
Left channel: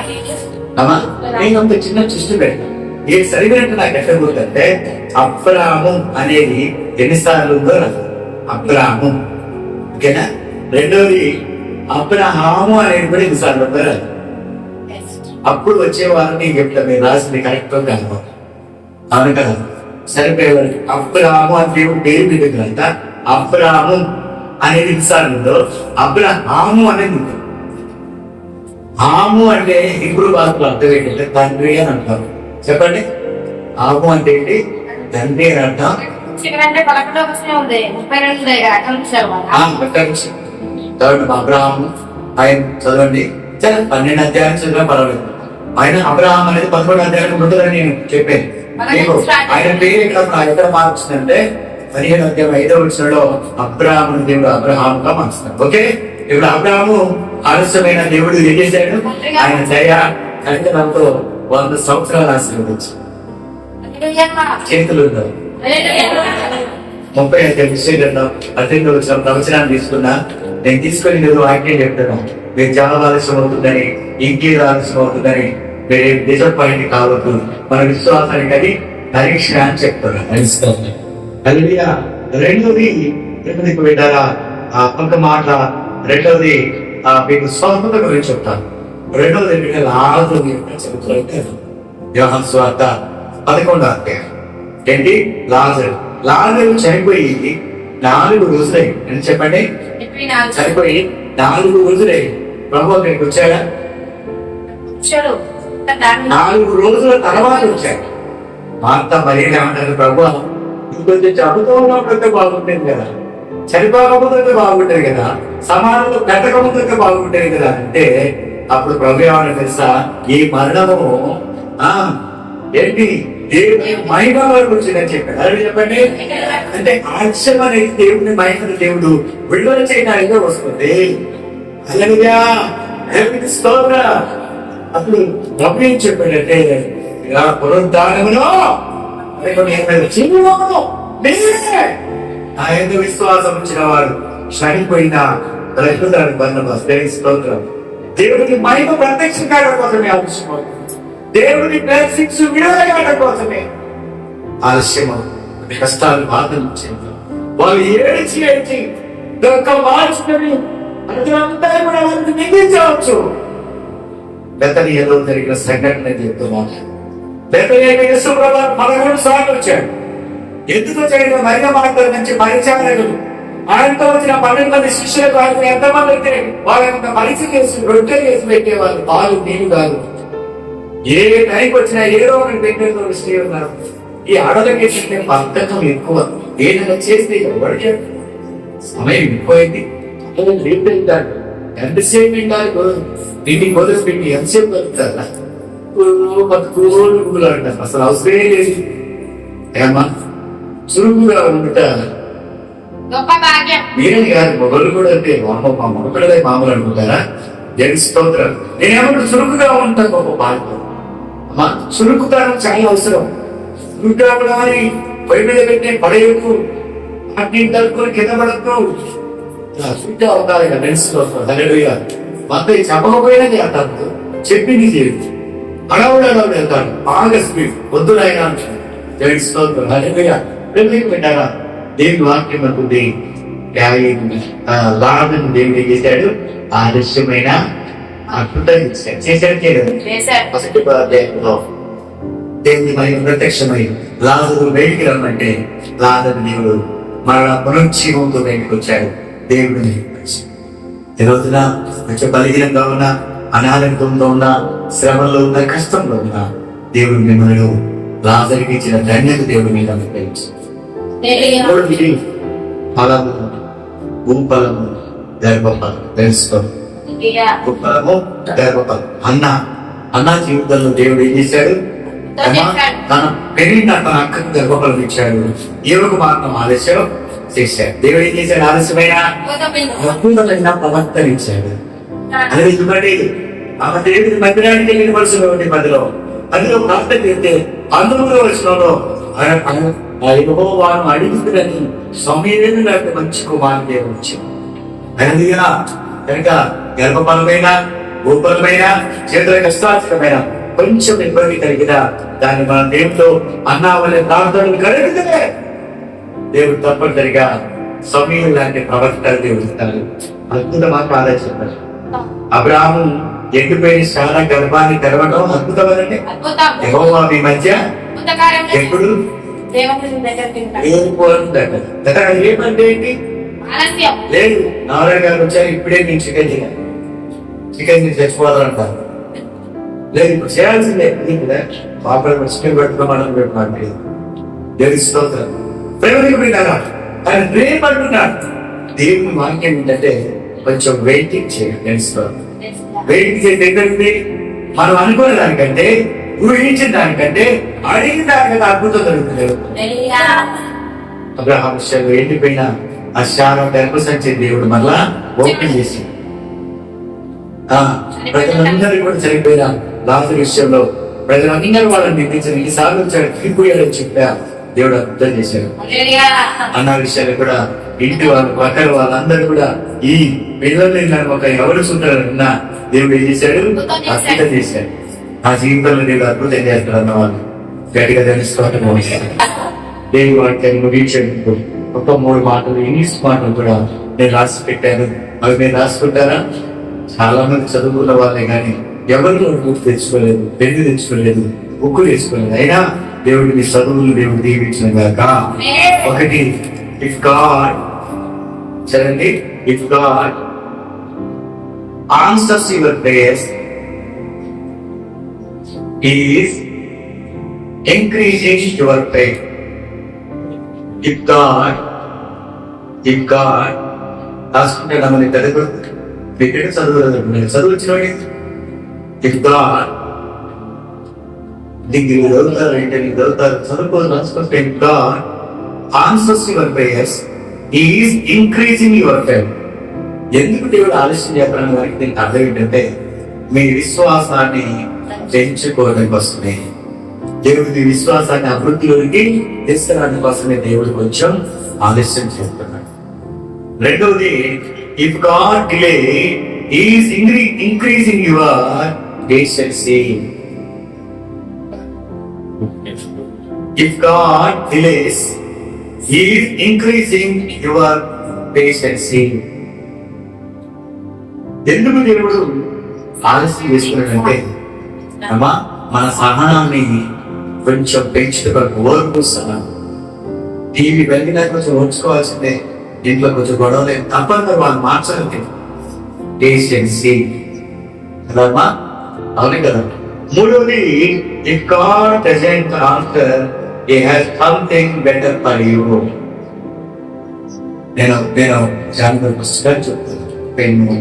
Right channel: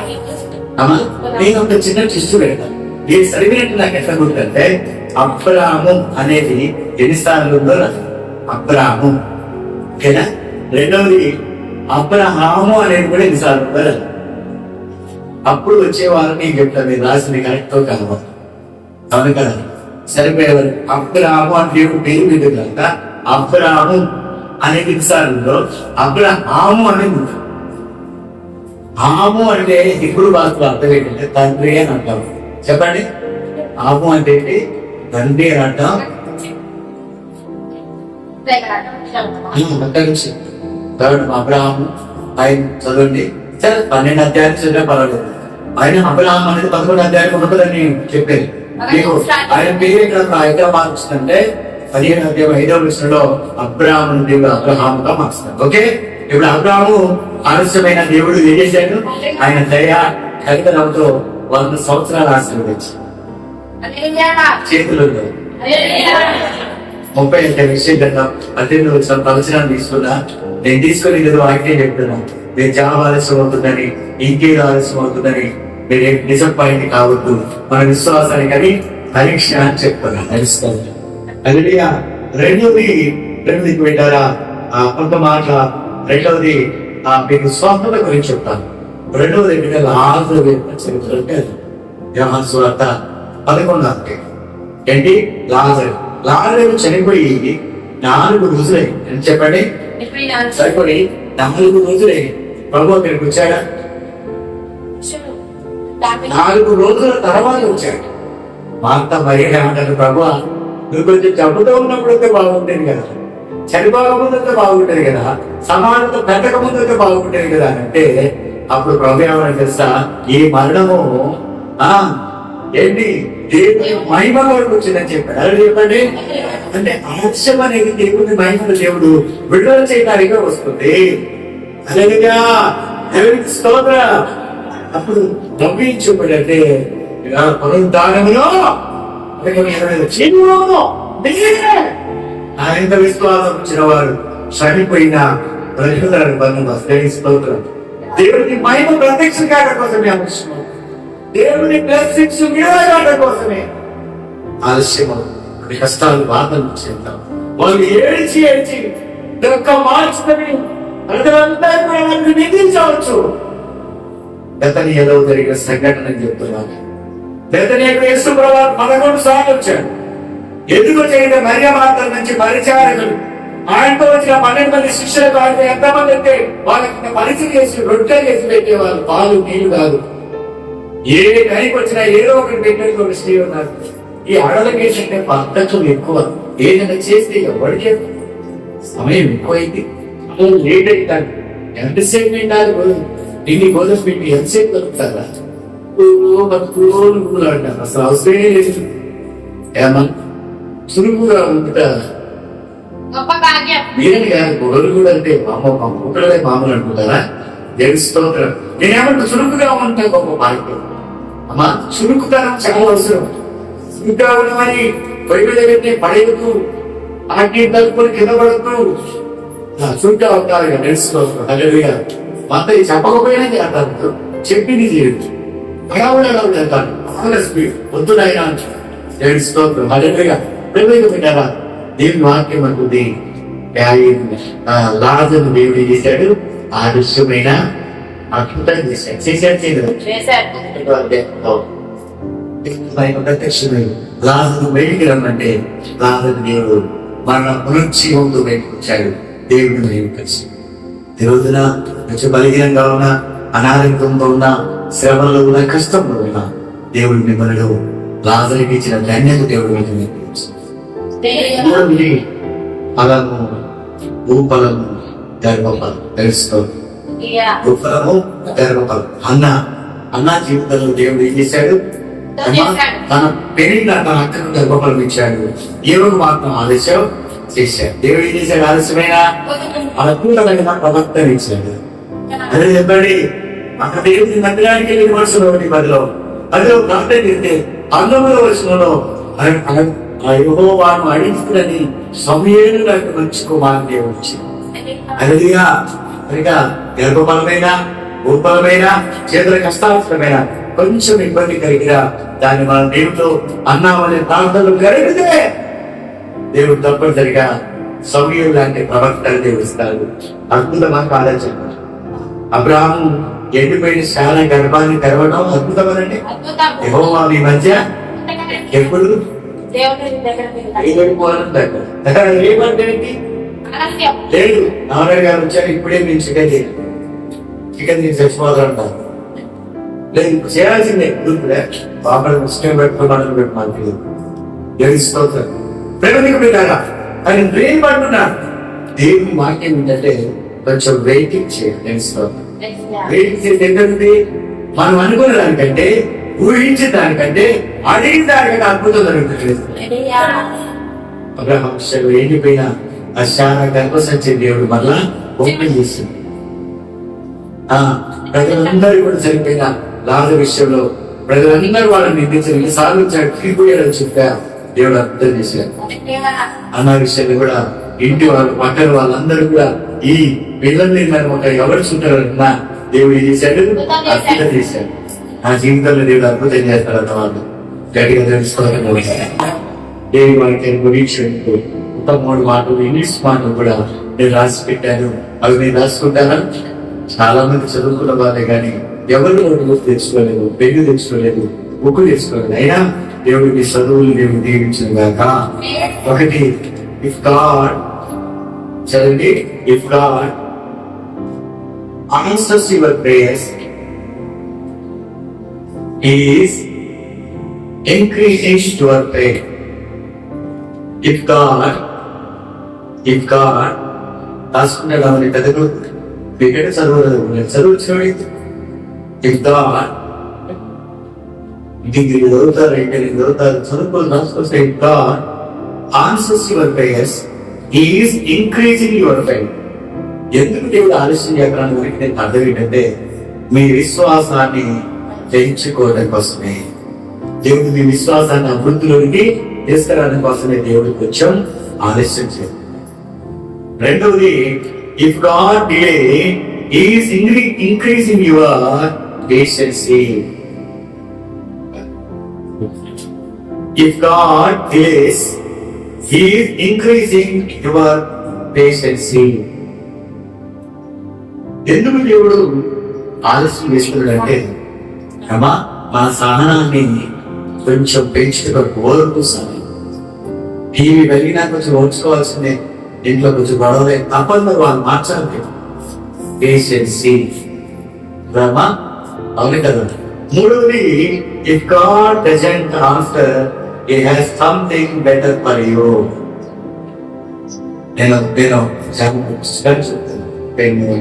అమ్మా? నేను ఒక చిన్న చిస్టు పెడతాను. మీరు చదివినట్టు నాకు ఎట్లా గుర్తు అంటే అబ్రాము అనేది ఎన్నిసార్లు ఉందో అబ్రాము, ఓకేనా? రెండోది అబ్రహాము అనేది కూడా ఎన్నిసార్లు ఉందో రాదు. అప్పుడు వచ్చే వాళ్ళని చెప్తాను, మీరు రాసింది కరెక్ట్ కాదు అవును కదా? సరిపోయేవారు అబ్రాము అని దేవుడు పేరు మీద అబ్రాము అనేది ఎన్నిసార్లు ఉందో అబ్రహాము అనేది ఉంటుంది. ఆము అంటే ఇప్పుడు భాషలో అర్థం ఏంటంటే తండ్రి అని అంటారు. చెప్పండి, ఆము అంటే ఏంటి? తండ్రి అని అంటాం. అబ్రహాము ఆయన చదవండి, సరే 12 అధ్యాయం చదివినా పర్వాలేదు. ఆయన అబ్రహాం అనేది 11 అధ్యాయం ఉంటుందని నేను చెప్పాను మీకు. ఆయన పేరు ఎక్కడ మార్చుతుందంటే 15 అధ్యాయం 5వ వచనంలో అబ్రహాము దేవుడు అబ్రహాముగా మార్చుతాడు. ఓకే, ఇప్పుడు అబ్రహాము ఆలస్యమైన దేవుడు ఏం చేశాడు? ఆయన దయ కనికరంతో 100 సంవత్సరాలు ఆశీర్వదించాడు. చేతులు 30 విషయం కదా 18 వచ్చిన ప్రవచనాన్ని తీసుకున్నా. నేను తీసుకొని ఏదో వాక్యం చెప్తున్నా. మీరు చాలా ఆలస్యం అవుతుందని, ఇంకేదో ఆలస్యం అవుతుందని మీరు డిసప్పాయింట్ కావద్దు. మన విశ్వాసానికి అది పరీక్ష అని చెప్తున్నా. రెండోది పెట్టారా కొంత మాట. రెండవది మీకు స్వార్థత గురించి చెప్తాను. రెండవది లాజరు చరిత్ర యోహాను సువార్త 11వ అధ్యాయం. ఏంటి? లాజరు చనిపోయి 4 రోజులై అని చెప్పండి. చనిపోయి 4 రోజులై ప్రభు అక్కడికి వచ్చాడా? 4 రోజుల తర్వాత వచ్చాడు. మార్త మరి ఏమంటారు? ప్రభు నువ్వు కొంచెం జబ్బుతో ఉన్నప్పుడైతే బాగుంటుంది కదా, చనిపోకముందైతే బాగుంటది కదా, సమానంతో పెట్టకముందైతే బాగుంటది కదా అంటే అప్పుడు ప్రభు ఏమన్నా తెలుసా? ఈ మరణము ఏంటి దేవుని మహిమ వరకు వచ్చిందని చెప్పాడు. అది చెప్పండి. అంటే ఆలస్యం అనేది దేవుని మహిమను దేవుడు విడుదల చేయడానికి వస్తుంది. హల్లెలూయా, దేవునికి స్తోత్రం. అప్పుడు ప్రభు ఏం చెప్పాడంటే పునరుద్ధానములో ఆయన విశ్వాసం వచ్చిన వారు చనిపోయిన రక్షితాడు బర్నబాస్. దేవునికి స్తోత్రం. దేవుడికి మహిమ ప్రత్యక్షం కావడం కోసమే ఆలస్యం, దేవుని బ్లెస్సింగ్స్ విడుదల కోసమే ఆలస్యం. కష్టాలు బాధలు చెందాం. వాళ్ళు ఏడిచి మార్చుకొని ప్రజలంతా కూడా వాళ్ళని నిందించవచ్చు. బెతనియాలో జరిగిన సంఘటన చెప్తున్నాను. బెతనియాకు యేసు ప్రభువు 11 సార్లు వచ్చాడు. ఎందుకు వచ్చాడంటే మరియ మార్త నుంచి పరిచారకులు ఆయనతో వచ్చిన 12 మంది శిష్యులకు ఆయన ఎంతమంది అయితే వాళ్ళకి పరిచయం చేసి రొట్టె చేసి పెట్టేవాళ్ళు. పాలు నీళ్లు కాదు. ఏ టైంకి వచ్చినా ఏదో ఒకటి పెట్టేందుకు ఒక స్త్రీ ఉన్నారు. ఈ ఆడలకి ఏంటంటే బద్ధకం ఎక్కువ. ఏదైనా చేస్తే ఎవరికి సమయం ఎక్కువైంది, లేట్ అవుతాడు. ఎంతసేపు ఉండాలి? దీన్ని గోధుమ పెట్టి ఎంతసేపు బతుకుతారా? అంటారు. అసలు అవసరమే లేదు. ఏమా సులువుగా ఉంట మీరని కాదు, మొగలు కూడా అంటే మొక్కలే మామూలు అనుకుంటారా? దేవుని స్తోత్రం. నేనేమంటే చురుకుగా ఉంటా గొప్ప భాగ్యం. అమ్మా, చురుకుతనం చాలా అవసరం. చురుకుగా ఉన్నామని పొయ్యి మీద పెట్టి పడేయకు, అన్ని తలుపుకొని కింద పడద్దు. చురుగ్గా ఉండాలి. దేవుని స్తోత్రం. హల్లెలూయా. అంతా చెప్పకపోయినా చేస్తాను, చెప్పింది చేయదు. అడవడలో చేస్తాను బాగా స్పీడ్ వద్దునైనా. దేవుని స్తోత్రం. హల్లెలూయా. పెట్టారా? దేవుని వాక్యం అనుకుంది. లాజరును దేవుడు చేశాడు, ఆదర్శమైన అద్భుతం చేశాడు. దేవుని భయం ప్రత్యక్షమై లాజరు బయటికి రమ్మంటే లాజరు దేవుడు మరణ పునరుజ్జీవంతో బయటకు వచ్చాడు. దేవుడు బయటకు వచ్చాడు. ఈ రోజున కొంచెం బలహీనంగా ఉన్న, అనారోగ్యంతో ఉన్న, శ్రమలో ఉన్న, కష్టంలో ఉన్న దేవుడు మిమ్మల్ని లాజరుకి ఇచ్చిన ధన్యత దేవుడు మీద ఫలము, భూఫలము, గర్భఫలం తెలుసుకో. భూఫలము, గర్భఫలం. అన్న జీవితంలో దేవుడు ఏం చేశాడు? తన పెరిగిన తన అక్కకు గర్భఫలం ఇచ్చాడు. ఏవకు మాత్రం ఆలస్యం చేశాడు. దేవుడు ఏం చేశాడు? ఆలస్యమైన అద్భుతమైన ప్రవక్తన ఇచ్చాడు. అదే చెప్పండి. ఆ దేవుడి మందిరానికి వెళ్ళిన వరుసలో 10లో ప్రవక్త చేస్తే 19వ వచనంలో ఆ యెహోవాను అడిగినని సమూయేలు నాకు మంచి కుమారుడే వచ్చింది. హల్లెలూయా. కనుక గర్భఫలమైన, భూఫలమైన, చేతుల కష్టార్థమైన కొంచెం ఇబ్బంది కలిగిన దాన్ని మన దేవుడితో అన్నామనే ప్రార్థనలు కలిగితే దేవుడు తప్పనిసరిగా సమూయేలు లాంటి ప్రవక్తలు దేవుడు ఇస్తారు. అద్భుతమా కాదా చెప్పారు. అబ్రాహాము ఎండిపోయిన చాలా గర్భాన్ని తెరవడం అద్భుతమనండి. అద్భుతం. యెహోవా మీ మధ్య అద్భుత కార్యం ఎప్పుడు దేవుని దగ్గరికి ఏమంటే ఏంటి ఆలస్యం లేదు. నారాయణ గారు వచ్చారు, ఇప్పుడే నేను చికెన్ చేయాలి, చికెన్ చేసి తెచ్చుకోవాలంటారు. లేదు, ఇప్పుడు చేయాల్సిందే. పాపడ చికెన్ పెట్టుకోమని పెట్టమంటే దేవుని స్తోత్రం. ప్రేమకు పెట్టారా కానీ ప్రేమ అంటున్నాడు. దేవుని వాక్యం ఏంటంటే కొంచెం వెయిటింగ్ చేయండి. వెయిటింగ్ చేయండి. ఏంటంటే మనం అనుకున్న దానికంటే, ఊహించిన దానికంటే, అడిగిన దానికంటే అద్భుతం జరుగుతుంది. అబ్రహాం విషయంలో ఎండిపోయిన ఆ శారా గర్భసంచి దేవుడు మళ్ళా ఓపెన్ చేసి ప్రజలందరూ కూడా చనిపోయిన లాజరు విషయంలో ప్రజలందరూ వాళ్ళని నిందించారు. ఎన్నిసార్లు తిరిగిపోయారని చెప్పా దేవుడు అర్థం చేశారు. అన్న విషయాన్ని కూడా ఇంటి వాళ్ళు, పక్కన వాళ్ళందరూ కూడా ఈ పిల్లల్ని ఒక ఎవరు చూంటారన్నా దేవుడు ఏం చేశాడు? అద్భుతం చేశాడు. నా జీవితంలో దేవుడు అద్భుతం చేస్తాడు అన్న వాళ్ళు గట్టిగా తెలుసుకోవడం. దేవుడి వాక్యం వీక్షకు ఒక 3 మాటలు ఇంగ్లీష్ మాటలు కూడా నేను రాసి పెట్టాను. అవి నేను రాసుకుంటారా? చాలా మంది చదువుకున్న వాళ్ళే కానీ ఎవరు తెచ్చుకోలేదు, పెళ్లి తెచ్చుకోలేదు, బుక్కు తెచ్చుకోలేదు. అయినా దేవుడికి చదువులు దేవుడు దీవించిన గాక. ఒకటి, ఇఫ్ గాడ్ చదండి, if God answers your prayers, he is increasing your faith. If God రాసుకుంటాడా మన చదువు క్రికెట్ చదువు వచ్చినవాడి ఇఫ్ గాడ్ డిగ్రీ చదువుతారు, ఇంటర్వ్యూ చదువుతారు, చదువుకోవాలి రాసుకొస్తే if God answers your prayers, he is increasing your faith. ఎందుకు దేవుడు ఆలస్యం చేస్తాను వారికి నేను అర్థం ఏంటంటే మీ విశ్వాసాన్ని పెంచుకోవడం కోసమే. దేవుడు మీ విశ్వాసాన్ని అభివృద్ధిలోనికి తీసుకురావడం కోసమే దేవుడు కొంచెం ఆలస్యం చేస్తున్నాడు. రెండవది, if God delay is increasing your patience. If God delays is increasing your patience. ఎందుకు దేవుడు ఆలస్యం చేసుకున్నాడంటే అమ్మా మన సహనాన్ని కొంచెం పెంచుకోవడానికి ఓర్పు సహనం. టీవీ వెళ్ళినా కొంచెం ఓర్చుకోవాల్సిందే. ఇంట్లో కొంచెం గొడవలే తప్పని మరి వాళ్ళు మార్చాలి. పేషెన్సీ రమ్మా, అవునే కదా. మూడవది, if God doesn't answer, he has something better for you. నేను జాగ్రత్త పుస్తకాలు చెప్తాను. పెన్ను,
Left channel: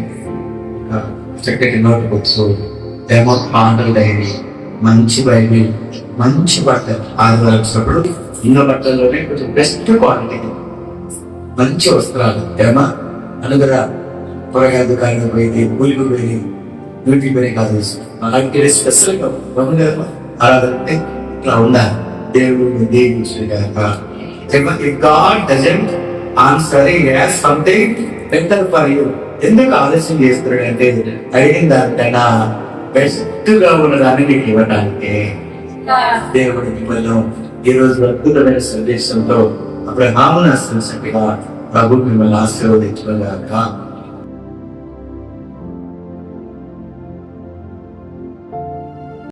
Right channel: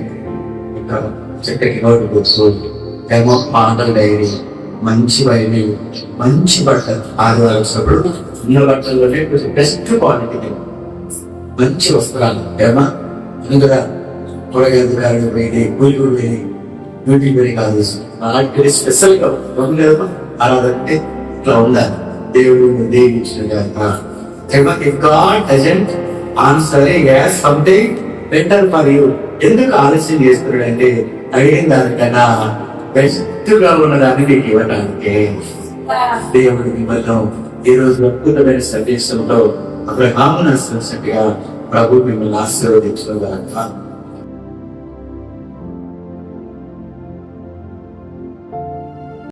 చక్కటి నోట్ బుక్స్, ఏమో పాటల డైరీ, మంచి బైబిల్, మంచి బట్టలు. ఆదివారం వచ్చినప్పుడు ఇన్న బట్టల్లోనే కొంచెం బెస్ట్ క్వాలిటీ మంచి వస్త్రాలు ఏమా అనుగురా. కూరగాయ దుకాణాలు పోయి కూలికి పోయి డ్యూటీ పోయి కాదు, అలాంటి స్పెషల్ గా ఏమా అలా అంటే ఇట్లా ఉండాలి. దేవుడు దీవించుగాక. God doesn't answer, he has something better for you. ఎందుకు ఆలస్యం చేస్తున్నాడంటే అడిగిన దానికైనా బెస్ట్ గా ఉన్నదాన్ని నీకు ఇవ్వడానికి. దేవుడు మిమ్మల్ని ఈ రోజు అద్భుతమైన సందేశంలో అబ్రహామును ఆశీర్వదించినట్టుగా ప్రభు మిమ్మల్ని ఆశీర్వదించుగాక.